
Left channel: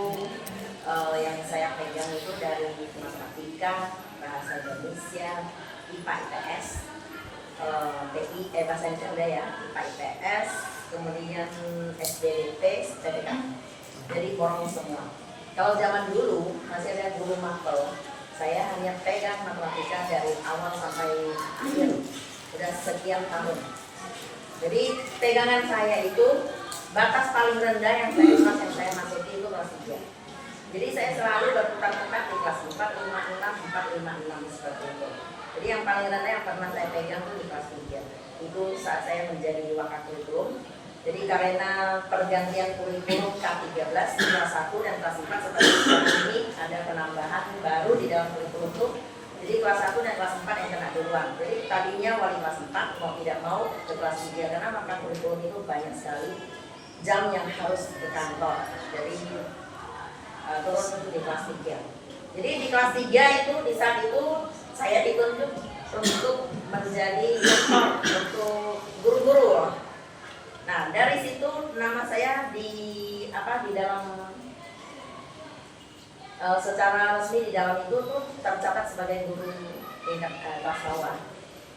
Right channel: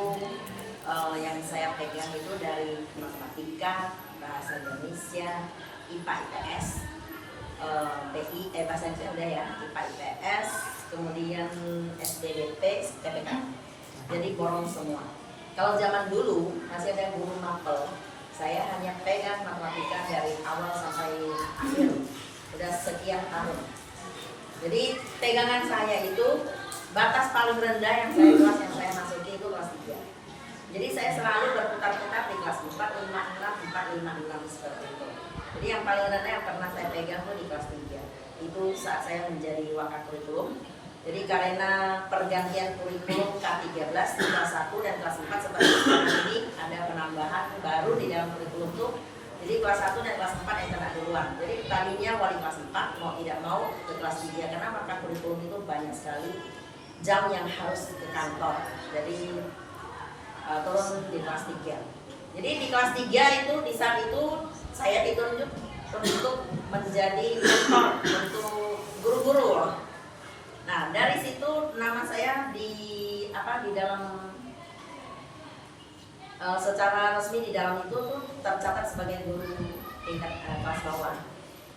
yang saya pegang itu dari matematika, bahasa Indonesia, IPA IPS, bahasa Indonesia udah ya, IPA IPS, kemudian SDDT, TPK. Jadi borong semua. Kalau zaman dulu masih ada guru mapel, saya hanya pegang matematika dari awal sampai akhir, udah sekian tahun. Jadi pegangan saya itu batas paling rendah yang saya masuki itu kelas 3. Jadi saya selalu berputar-putar di kelas 4, 5, 6, 4, 5, 6 seperti itu. Jadi yang paling rendah yang pernah saya pegang itu di kelas 3. Itu saat saya menjadi wakakurikulum. Jadi karena pergantian kurikulum K13 di kelas 1 dan kelas 4 seperti sekarang ini ada penambahan baru di dalam kurikulum itu. Jadi kelas 1 dan kelas 4 yang kena duluan. Jadi tadinya wali kelas 4 mau tidak mau ke kelas 3 karena maka kurikulum itu banyak sekali jam yang harus ke kantor. Jadi turun di kelas 3. Jadi di kelas 3 itu di saat itu saya ditunjuk untuk menjadi mentor untuk guru-guru. Nah, dari situ nama saya di dalam secara resmi di dalam itu tuh tercatat sebagai guru tingkat kelas bawah.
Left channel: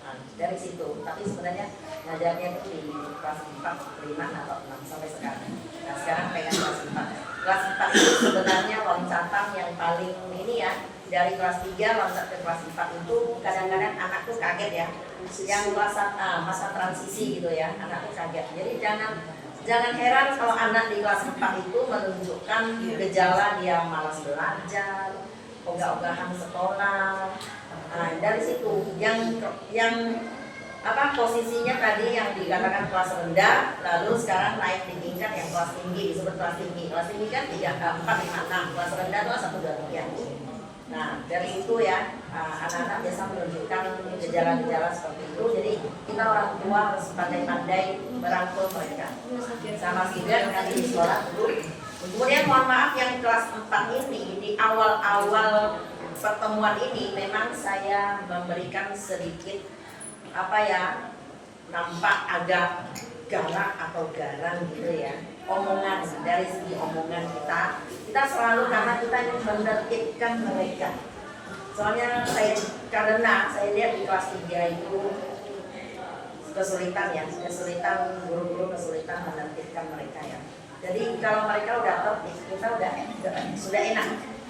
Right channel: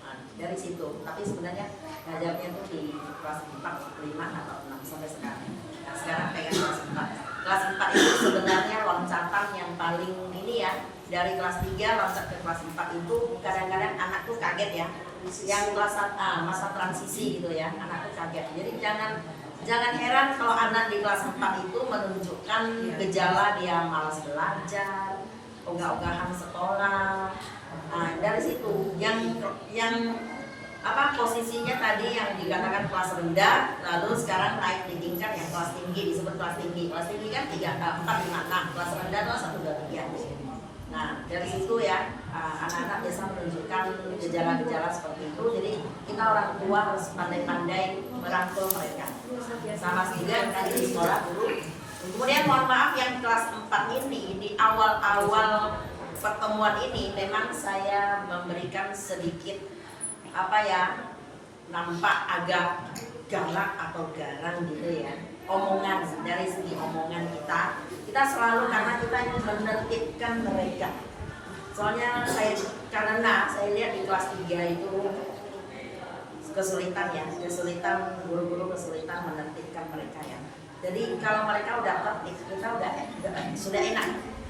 Nah, dari situ, tapi sebenarnya ngajarnya itu di kelas 4, 5 atau 6 sampai sekarang. Nah, sekarang pegang kelas 4. Kelas 4 itu sebenarnya loncatan yang paling ini ya. Dari kelas 3 loncat ke kelas 4 itu kadang-kadang anak tuh kaget ya. Yang kelas masa transisi gitu ya, anak tuh kaget. Jadi jangan heran kalau anak di kelas 4 itu menunjukkan gejala dia malas belajar, ogah-ogahan sekolah. Nah, dari situ yang posisinya tadi yang dikatakan kelas rendah, lalu sekarang naik di tingkat yang kelas tinggi, disebut kelas tinggi. Kelas tinggi kan 3, 4, 5, 6, kelas rendah itu 1, 2, 3. Nah, dari itu ya anak-anak biasa menunjukkan gejala-gejala seperti itu. Jadi kita orang tua harus pandai-pandai merangkul mereka. Sama juga nanti di sekolah dulu. Kemudian mohon maaf yang kelas 4 ini di awal-awal pertemuan ini memang saya memberikan sedikit nampak agak galak atau garang gitu ya, omongan dari segi omongan kita selalu, karena kita ingin menertibkan mereka. Soalnya karena saya lihat di kelas 3 itu kesulitan guru-guru kesulitan menertibkan mereka ya. Jadi kalau mereka udah tertib, kita sudah enak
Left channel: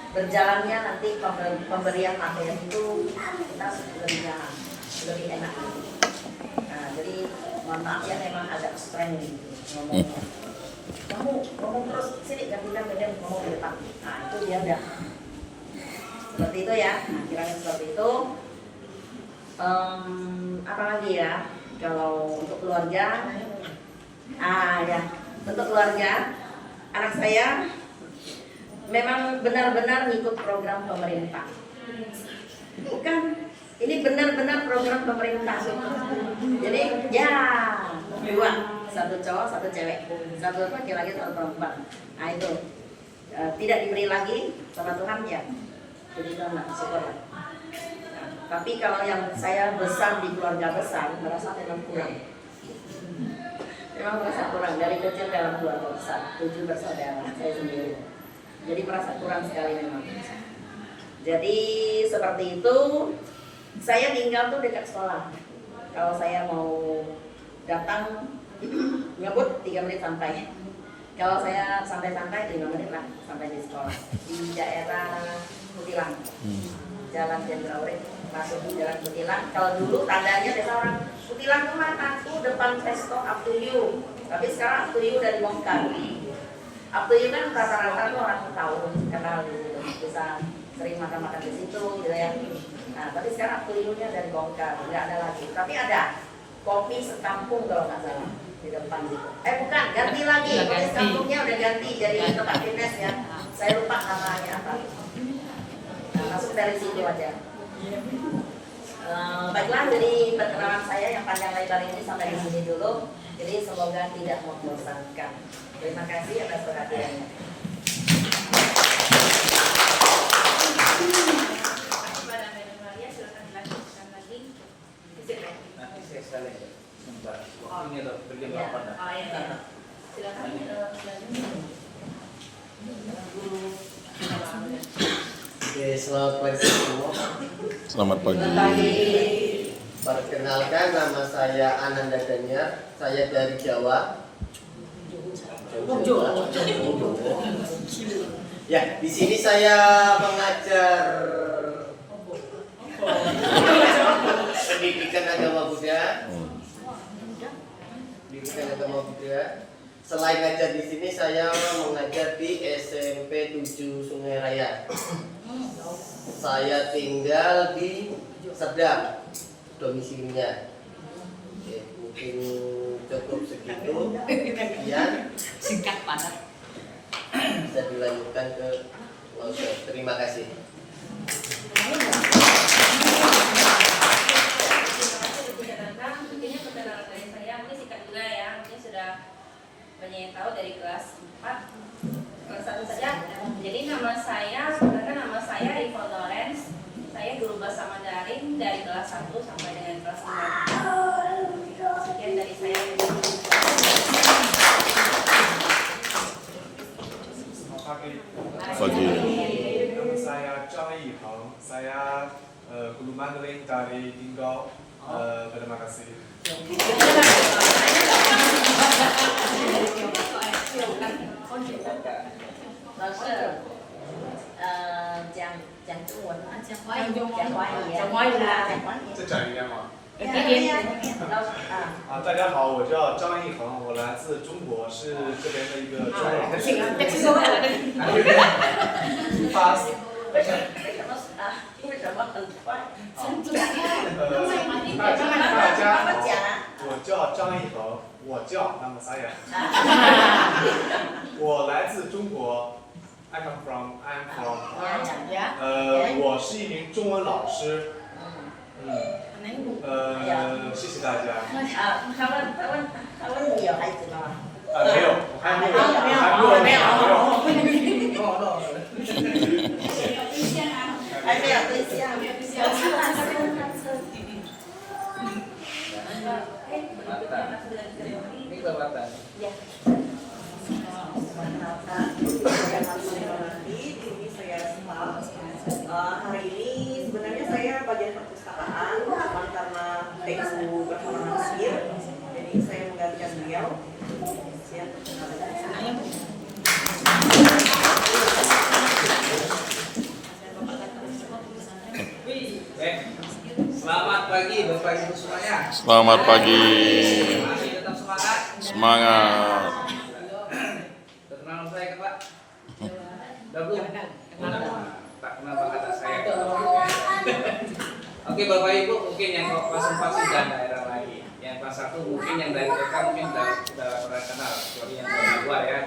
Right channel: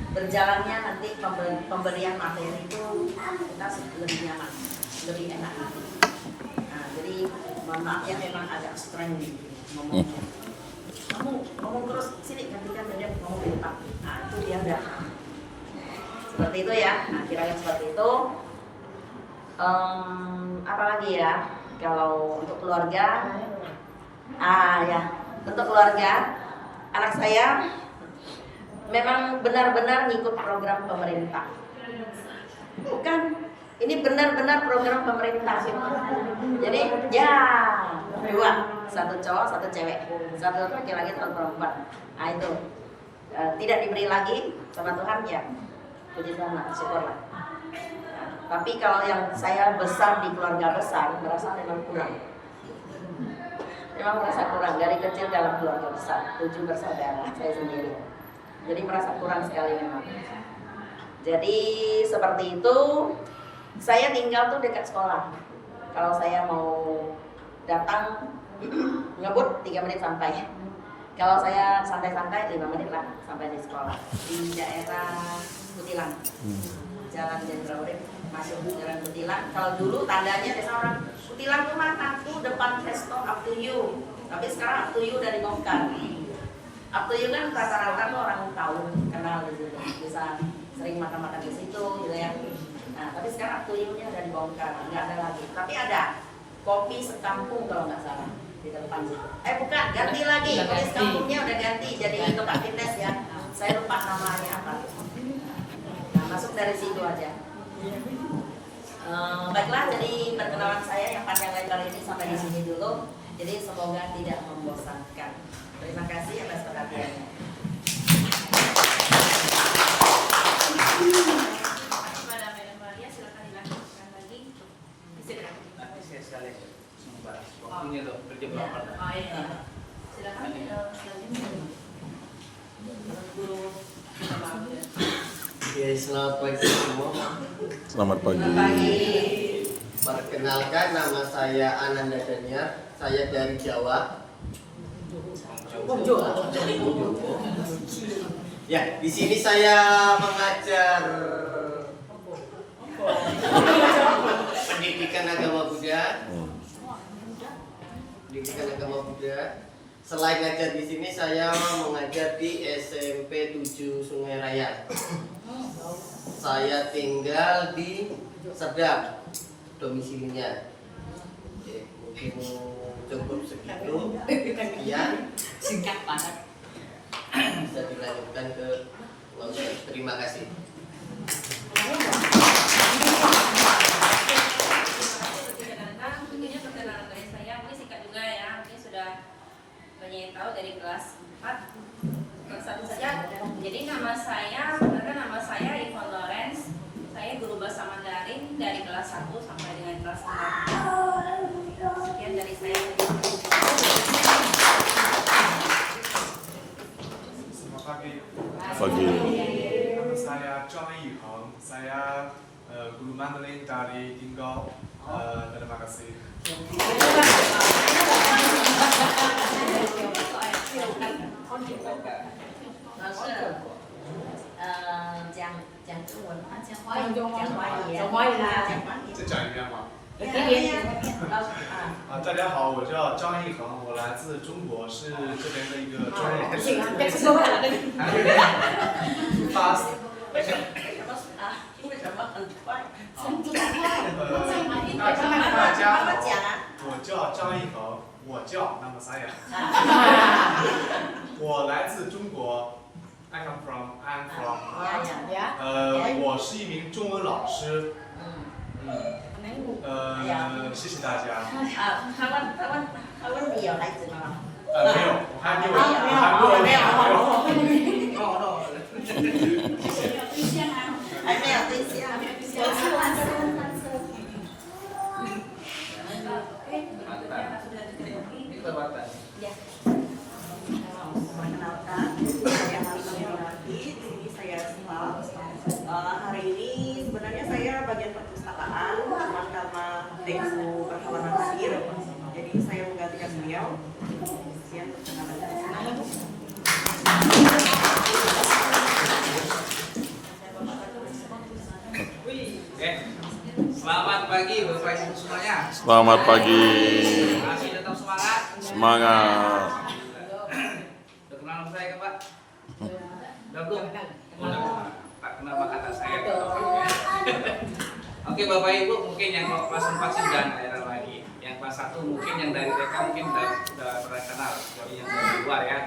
berjalannya, nanti pemberian materi itu kita lebih nyaman, lebih enak. Nah, jadi mohon maaf ya, memang agak strength gitu ngomongnya. Kamu ngomong terus, sini gantikan beda ngomong di depan. Nah itu dia udah seperti itu ya. Nah kira-kira seperti itu. Apa lagi ya? Kalau untuk keluarga, ya untuk keluarga anak saya memang benar-benar ngikut program pemerintah. Bukan, ini benar-benar program pemerintah. Jadi ya 2, 1 cowok, 1 cewek, 1 laki-laki, 1 perempuan. Nah itu tidak diberi lagi sama Tuhan ya. Puji Tuhan, syukurlah. Tapi kalau yang saya besar di keluarga besar, merasa memang kurang. Memang merasa kurang, dari kecil dalam keluarga besar, 7 bersaudara, saya sendiri. Jadi merasa kurang sekali memang. Jadi seperti itu, saya tinggal tuh dekat sekolah. Kalau saya mau datang, ngebut 3 menit sampai. Kalau saya santai-santai 5 menit lah sampai di sekolah. Di daerah Kutilang, Jalan Jenderal Urip, masuk di Jalan Kutilang. Kalau dulu tandanya desa orang Kutilang tuh mana? Tuh depan Resto Up to You. Tapi sekarang Up to You dari dibongkar. Up to You kan rata-rata tuh orang tahu, kenal gitu, bisa sering makan-makan di situ gitu ya. Nah, tapi sekarang Up to You-nya dari dibongkar, nggak ada lagi. Tapi ada kopi sekampung kalau nggak salah di depan gitu. Bukan, ganti lagi. Kopi sekampungnya udah ganti jadi tempat fitness ya. Saya lupa namanya apa. Nah, masuk dari situ aja. Baiklah, jadi perkenalan saya yang panjang lebar ini sampai di sini dulu. Jadi semoga tidak membosankan. Terima kasih atas perhatiannya. Kepada Madam Maria, silakan dilanjutkan lagi. Nanti saya sekali sebentar. Ini loh kerja berapa? Oh iya. Silakan selanjutnya. Guru. Oke, selamat pagi semua. Selamat pagi. Perkenalkan, nama saya Ananda Daniar. Saya dari Jawa. Ya, di sini saya mengajar pendidikan agama Buddha. Pendidikan agama Buddha. Selain ngajar di sini, saya mengajar di SMP 7 Sungai Raya. Saya tinggal di Serdang, domisilinya. Oke, mungkin cukup segitu. Sekian. Singkat padat. Bisa dilanjutkan ke Oke, terima kasih. Tentunya perkenalan dari saya mungkin singkat juga ya, mungkin sudah banyak yang tahu dari kelas 4, kelas 1 saja. Jadi nama saya Ivon Lawrence. Saya guru bahasa Mandarin dari kelas 1 sampai dengan kelas 4. Sekian dari saya. Pagi. Nama saya Zhang Yiheng. Saya guru Mandarin dari Tinggal. Terima kasih. 老师，讲中文啊，讲华语，讲华语，讲华语啊，讲华语。再讲一遍吗？大家好，我叫张一恒，我来自中国，是这边的一个中文老师。Fast。为什么很快？大家好，我叫张一恒，那么saya。我来自中国。I'm from。我是一名中文老师。谢谢大家。他问你有孩子吗？没有，我还没有。还没有。Selamat pagi. Masih tetap semangat. Semangat. Perkenalan saya kan Pak. Udah belum? Tak kenal kata saya. Oke Bapak Ibu, mungkin yang kelas 4 sih jangan daerah lagi. Yang kelas 1 mungkin yang dari TK mungkin udah pernah kenal, kecuali yang dari luar ya.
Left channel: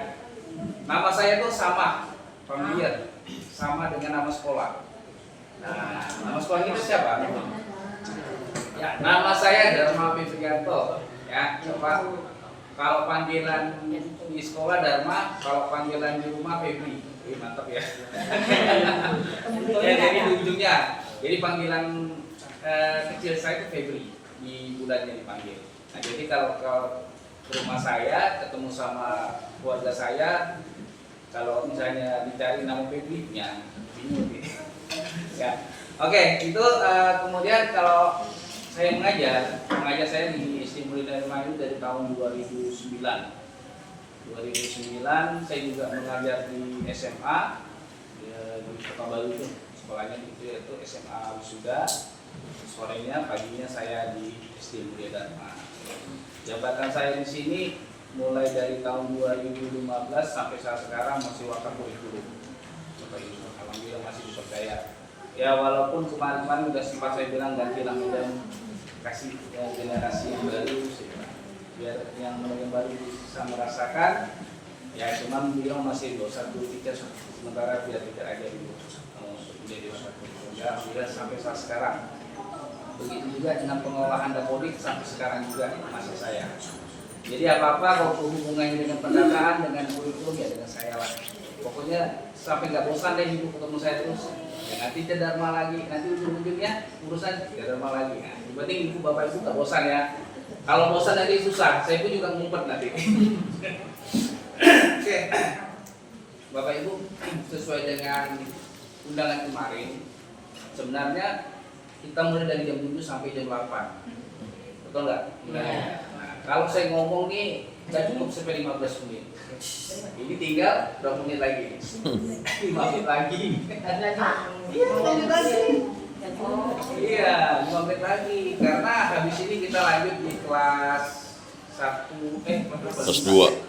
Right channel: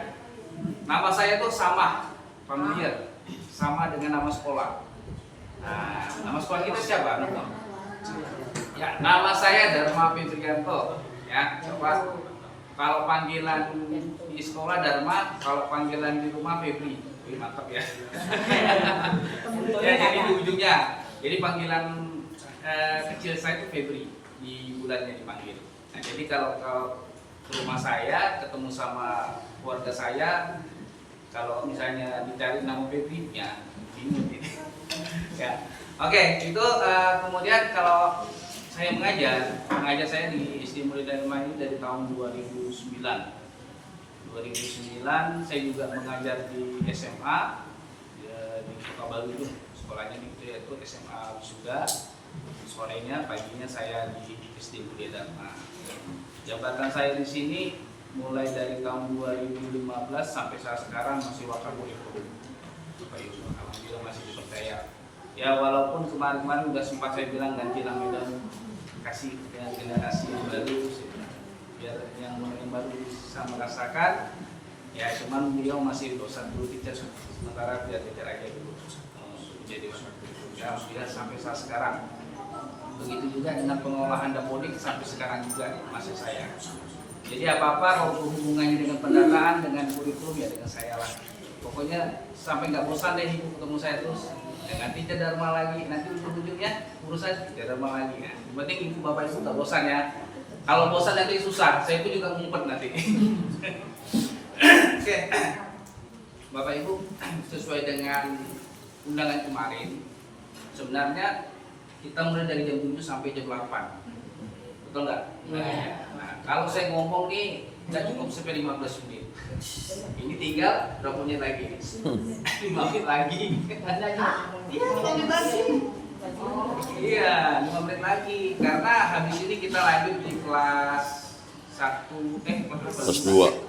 Nama saya pun sama, familiar, sama dengan nama sekolah. Nah, nama sekolah kita siapa? Ya, nama saya Dharma Fitrianto. Ya, kalau panggilan di sekolah Dharma, kalau panggilan di rumah Febri. Mantap ya. Ya, jadi di ujungnya. Jadi panggilan kecil saya itu Febri, di bulannya dipanggil. Nah, jadi kalau ke rumah saya ketemu sama keluarga saya, kalau misalnya dicari nama Febri, ya bingung gitu. Ya. Oke, itu kemudian kalau saya mengajar saya di Stimuli dan Mayu dari tahun 2009. 2009 saya juga mengajar di SMA di Kota Baru itu, sekolahnya itu SMA Wisuda. Sorenya, paginya saya di Stimuli dan jabatan saya di sini mulai dari tahun 2015 sampai saat sekarang masih wakakurikulum. Alhamdulillah masih dipercaya. Ya walaupun kemarin-kemarin sudah sempat saya bilang ganti nama dan kasih generasi yang baru, biar yang baru bisa merasakan. Ya cuman beliau masih dosen dulu kita sementara biar kita aja dulu menjadi dosen. Ya alhamdulillah sampai saat sekarang. Begitu juga dengan pengolahan dapodik sampai sekarang juga masih saya. Jadi apa-apa kalau hubungannya dengan pendataan, dengan kurikulum ya dengan saya lah. Pokoknya sampai nggak bosan deh ibu ketemu saya terus. Ya, nanti Dharma lagi, nanti ujung-ujungnya urusan Dharma lagi. Nah, yang penting ibu bapak ibu nggak bosan ya. Kalau bosan nanti susah, saya pun juga ngumpet nanti. Oke, bapak ibu sesuai dengan undangan kemarin, sebenarnya kita mulai dari jam 7 sampai jam 8. Betul nggak? Nah, kalau saya ngomong nih nggak cukup sampai 15 menit. Ini tinggal berapa menit lagi? 5 menit lagi. Iya, 5 menit lagi. Iya, 5 menit lagi. Karena habis ini kita lanjut di kelas 1, Kelas 2.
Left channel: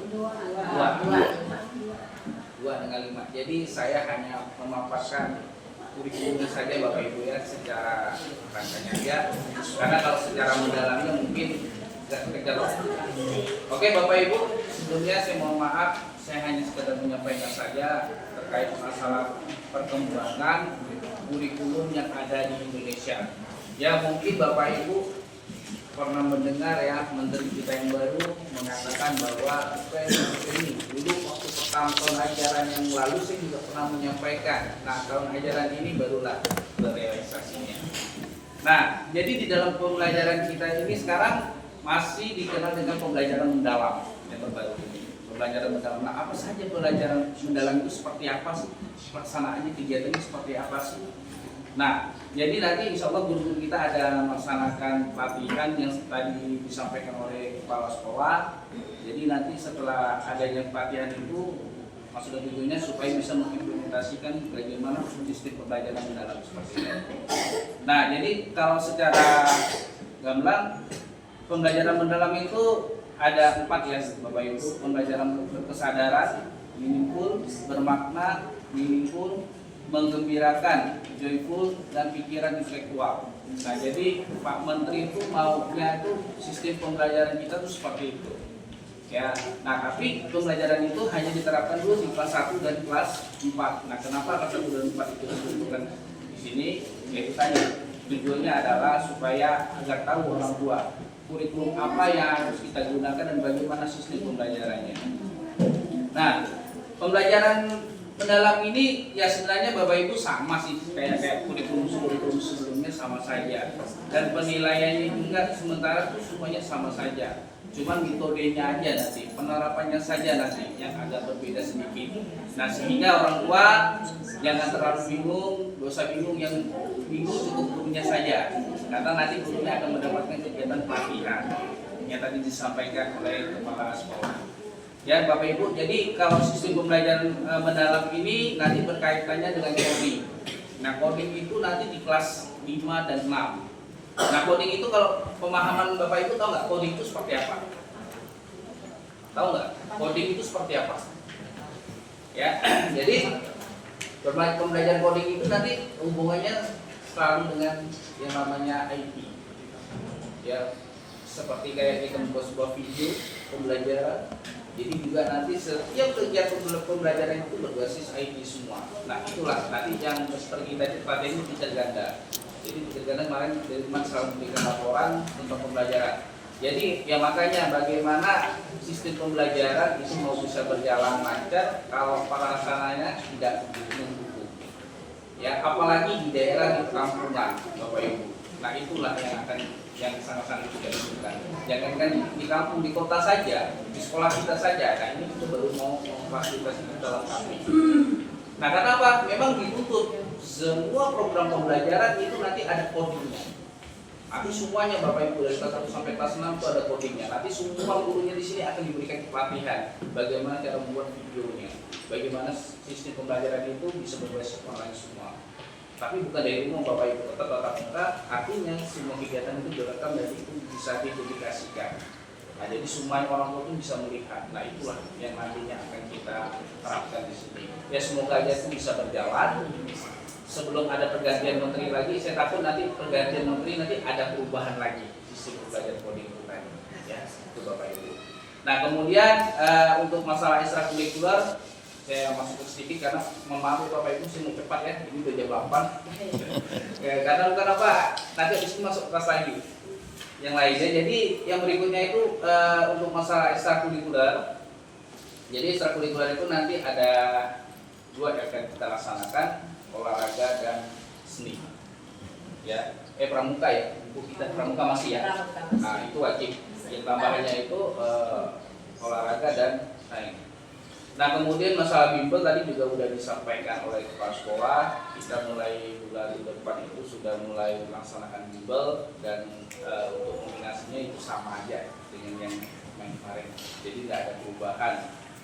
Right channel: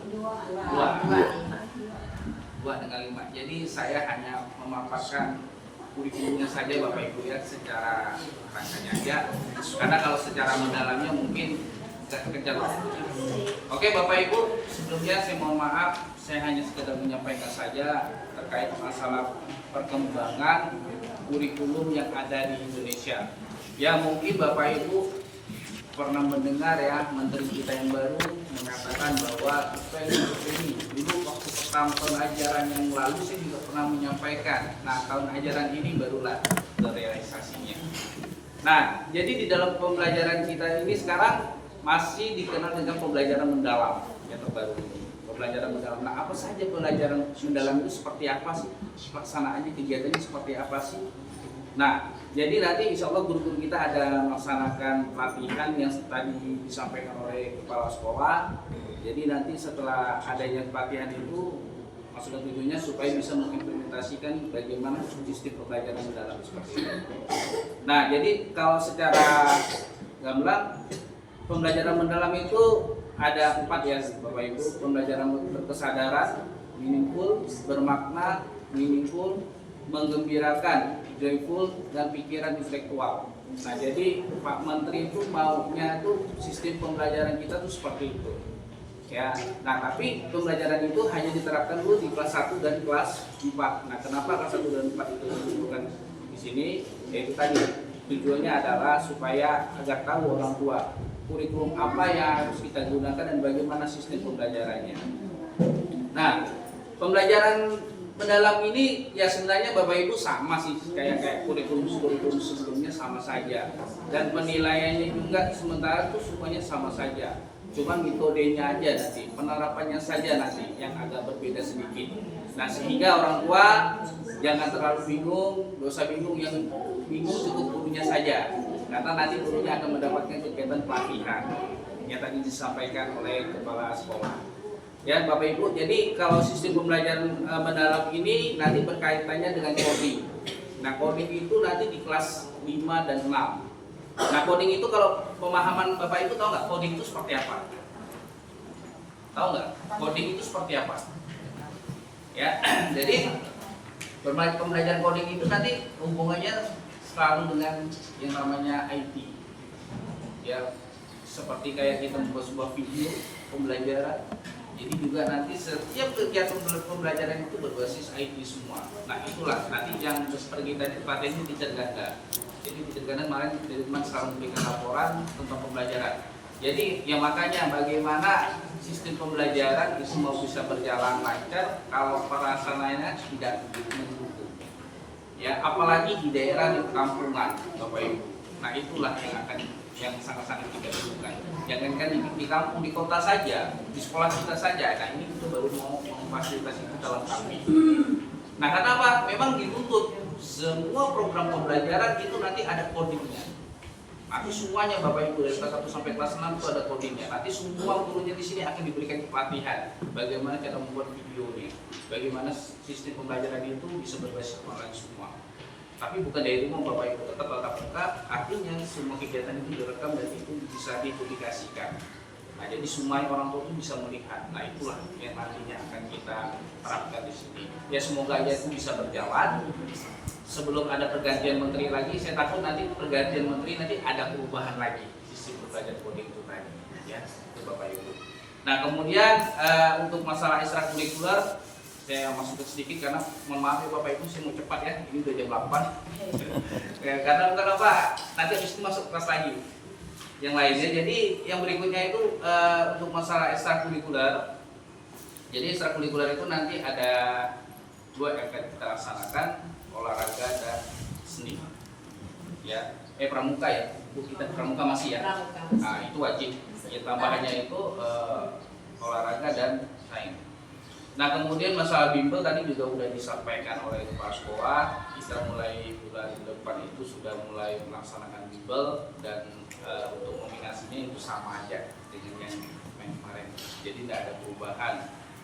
2 dengan 5. Jadi saya hanya memaparkan kurikulumnya saja Bapak Ibu ya secara rasanya ya. Karena kalau secara mendalamnya mungkin nggak kejar. Oke Bapak Ibu, sebelumnya saya mohon maaf, saya hanya sekedar menyampaikan saja terkait masalah perkembangan kurikulum yang ada di Indonesia. Ya mungkin Bapak Ibu pernah mendengar ya Menteri kita yang baru mengatakan bahwa ini dulu waktu pertama tahun ajaran yang lalu saya juga pernah menyampaikan. Nah tahun ajaran ini barulah realisasinya. Nah jadi di dalam pembelajaran kita ini sekarang masih dikenal dengan pembelajaran mendalam yang terbaru ini. Pembelajaran mendalam. Nah, apa saja pembelajaran mendalam itu seperti apa sih? Pelaksanaannya kegiatannya seperti apa sih? Nah, jadi nanti insya Allah guru-guru kita ada melaksanakan pelatihan yang tadi disampaikan oleh kepala sekolah. Jadi nanti setelah adanya pelatihan itu maksud dan tujuannya supaya bisa mengimplementasikan bagaimana sistem pembelajaran mendalam seperti itu. Nah, jadi kalau secara gamblang pembelajaran mendalam itu ada 4 ya Bapak Ibu. Pembelajaran berkesadaran, meaningful, bermakna, meaningful, menggembirakan, joyful, dan pikiran intelektual. Nah jadi Pak Menteri itu maunya itu sistem pembelajaran kita tuh seperti itu. Ya, nah tapi pembelajaran itu hanya diterapkan dulu di kelas 1 dan kelas 4. Nah kenapa kelas 1 dan 4 itu disebutkan di sini? Yaitu tadi tujuannya adalah supaya agar tahu orang tua kurikulum apa yang harus kita gunakan dan bagaimana sistem pembelajarannya. Nah, pembelajaran mendalam ini ya sebenarnya Bapak Ibu sama sih kayak kurikulum sebelumnya sama saja. Dan penilaiannya juga sementara itu semuanya sama saja. Cuman metodenya aja nanti, penerapannya saja nanti yang agak berbeda sedikit. Nah, sehingga orang tua jangan terlalu bingung, gak usah bingung, yang bingung cukup gurunya saja. Karena nanti gurunya akan mendapatkan kegiatan pelatihan yang tadi disampaikan oleh kepala sekolah. Ya Bapak Ibu, jadi kalau sistem pembelajaran mendalam ini nanti berkaitannya dengan coding. Nah coding itu nanti di kelas 5 dan 6. Nah, coding itu kalau pemahaman Bapak Ibu tahu nggak coding itu seperti apa? Tahu nggak? Coding itu seperti apa? Ya, jadi pembelajaran coding itu nanti hubungannya selalu dengan yang namanya IT. Ya, seperti kayak kita membuat sebuah video pembelajaran. Jadi juga nanti setiap kegiatan pembelajaran itu berbasis IT semua. Nah, itulah nanti yang kita pelatihan ini bisa ganda. Jadi bisa ganda kemarin dari teman selalu memberikan laporan tentang pembelajaran. Jadi ya makanya bagaimana sistem pembelajaran itu mau bisa berjalan lancar kalau pelaksananya tidak begitu mendukung. Ya, apalagi di daerah di perkampungan, Bapak Ibu. Nah, itulah yang sangat-sangat kita butuhkan. Jangankan di kampung, di kota saja, di sekolah kita saja. Nah, ini kita baru mau memfasilitasi itu dalam kami. Nah, karena apa? Memang dituntut semua program pembelajaran itu nanti ada codingnya. Tapi semuanya Bapak Ibu dari kelas 1 sampai kelas 6 itu ada codingnya. Nanti semua gurunya di sini akan diberikan pelatihan bagaimana cara membuat videonya, bagaimana sistem pembelajaran itu bisa berbasis online semua. Tapi bukan dari umum Bapak Ibu, tetap tatap muka, artinya semua kegiatan itu direkam dan itu bisa dipublikasikan. Nah, jadi semua orang tua itu bisa melihat. Nah, itulah yang nantinya akan kita terapkan di sini. Ya, semoga aja itu bisa berjalan. Sebelum ada pergantian menteri lagi, saya takut nanti pergantian menteri nanti ada perubahan lagi sistem belajar coding itu tadi. Ya, itu Bapak Ibu. Nah, kemudian untuk masalah ekstrakurikuler saya masuk sedikit karena maaf Bapak Ibu, saya mau cepat ya, ini udah jam 8. Karena bukan apa, nanti habis itu masuk kelas lagi yang lainnya. Jadi yang berikutnya itu untuk masalah ekstrakurikuler. Jadi ekstrakurikuler itu nanti ada 2 yang akan kita laksanakan, olahraga dan seni. Ya, pramuka ya, Bu, kita pramuka masih ya. Nah, itu wajib. Yang tambahannya itu olahraga dan sains. Nah, kemudian masalah bimbel tadi juga sudah disampaikan oleh kepala sekolah. Kita mulai bulan depan itu sudah mulai melaksanakan bimbel dan untuk nominasinya itu sama aja dengan yang kemarin. Jadi tidak ada perubahan.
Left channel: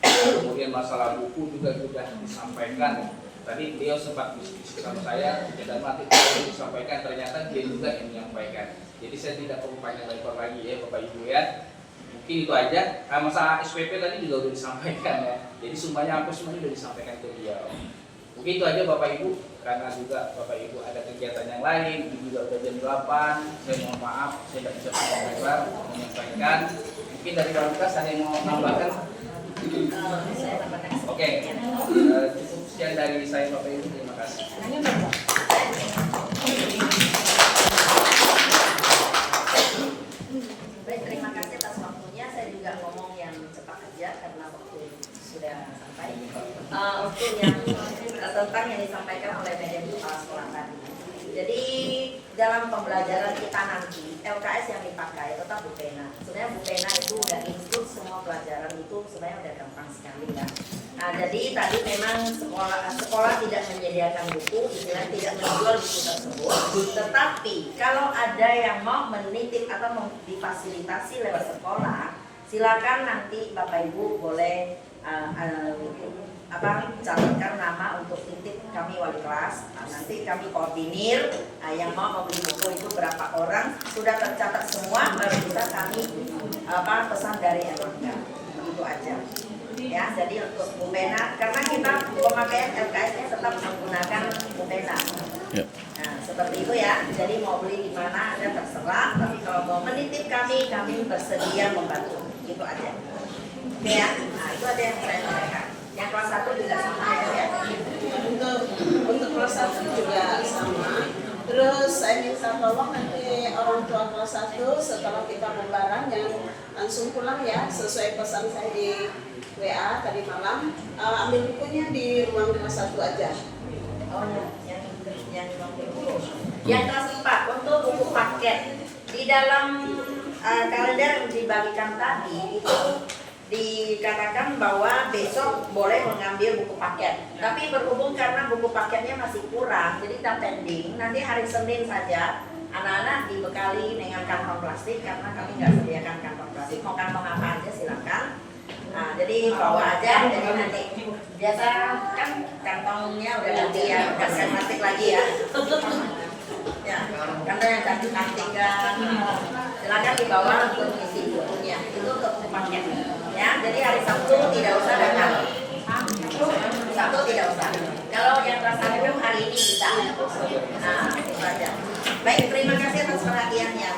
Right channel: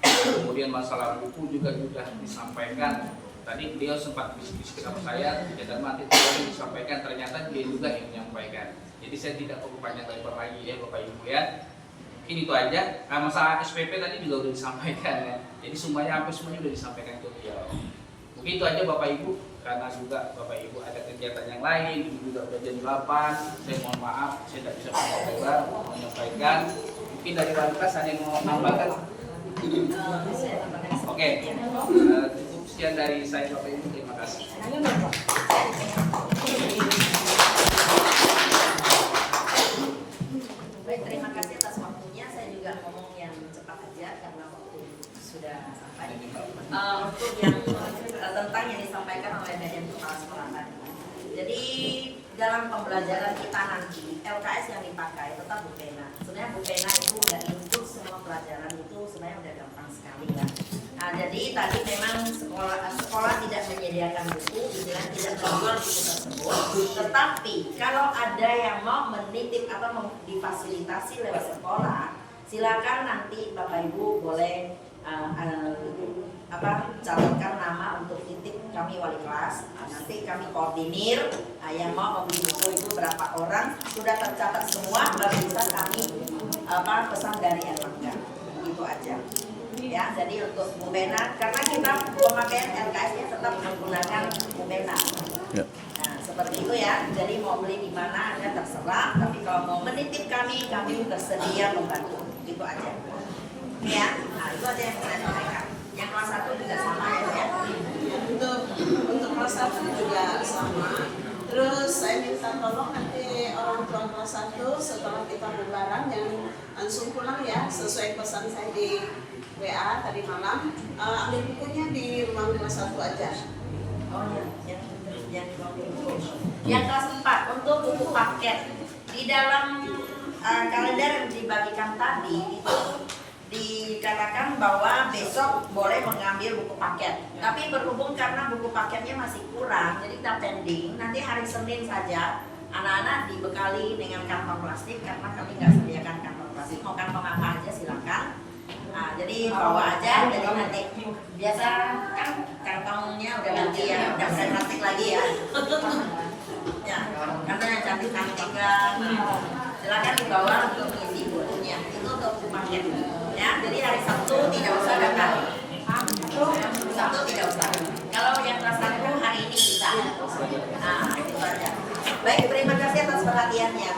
Kemudian masalah buku juga sudah disampaikan. Tadi dia sempat diskusi sama saya, dan nanti yang disampaikan ternyata dia juga yang menyampaikan. Jadi saya tidak perlu panjang lebar lagi ya Bapak Ibu ya. Mungkin itu aja. Masalah SPP tadi juga sudah disampaikan ya. Jadi semuanya hampir semuanya sudah disampaikan ke beliau. Mungkin itu aja Bapak Ibu, karena juga Bapak Ibu ada kegiatan yang lain, juga udah jam 8. Saya mohon maaf, saya tidak bisa panjang lebar menyampaikan. Mungkin dari Pamkas ada yang mau menambahkan? Oke, cukup sekian dari saya Bapak Ibu, terima kasih. Baik, terima kasih atas waktunya. Saya juga ngomong yang cepat aja karena waktu sudah sampai. Untuk yang tentang yang disampaikan oleh Badan Kepala Sekolah tadi. Jadi dalam pembelajaran kita nanti LKS yang dipakai tetap Bukena. Sebenarnya Bukena itu udah include semua pelajaran itu sebenarnya udah gampang sekali ya. Nah, jadi tadi memang sekolah tidak menyediakan buku, tidak menjual buku tersebut. Tetapi kalau ada yang mau menitip atau mau difasilitasi lewat sekolah, silakan nanti Bapak Ibu boleh catatkan nama untuk titip kami wali kelas. Nanti kami koordinir yang mau membeli buku itu berapa orang, sudah tercatat semua, baru bisa kami pesan dari Erlangga. Begitu aja. Ya, jadi untuk Bukena, karena kita pemakaian LKS-nya tetap menggunakan Bukena. Ya. Nah, seperti itu ya. Jadi mau beli di mana Anda terserah, tapi kalau mau menitip kami bersedia membantu. Gitu aja. Ya, nah, itu aja yang saya sampaikan. Yang kelas 1 juga sama ya. Untuk kelas 1 juga sama. Terus saya minta tolong nanti orang tua kelas 1 setelah kita melarang yang langsung pulang ya, sesuai pesan saya di WA tadi malam, ambil bukunya di ruang kelas 1 aja. Oh, yang kelas 4 untuk buku paket. Di dalam kalender yang dibagikan tadi itu dikatakan bahwa besok boleh mengambil buku paket. Tapi berhubung karena buku paketnya masih kurang, jadi kita pending. Nanti hari Senin saja anak-anak dibekali dengan kantong plastik karena kami nggak sediakan kantong plastik. Mau kantong apa aja silakan. Nah, jadi bawa aja. Jadi nanti biasa kan kantongnya udah ganti ya, udah saya plastik lagi ya. Ya, karena yang cantik-cantik kan. Silakan dibawa untuk mengisi bukunya. Itu untuk paket. Ya, jadi hari Sabtu tidak usah datang. Sabtu tidak usah. Kalau yang kelas hari hari ini bisa. Nah, itu saja. Baik, terima kasih atas perhatiannya.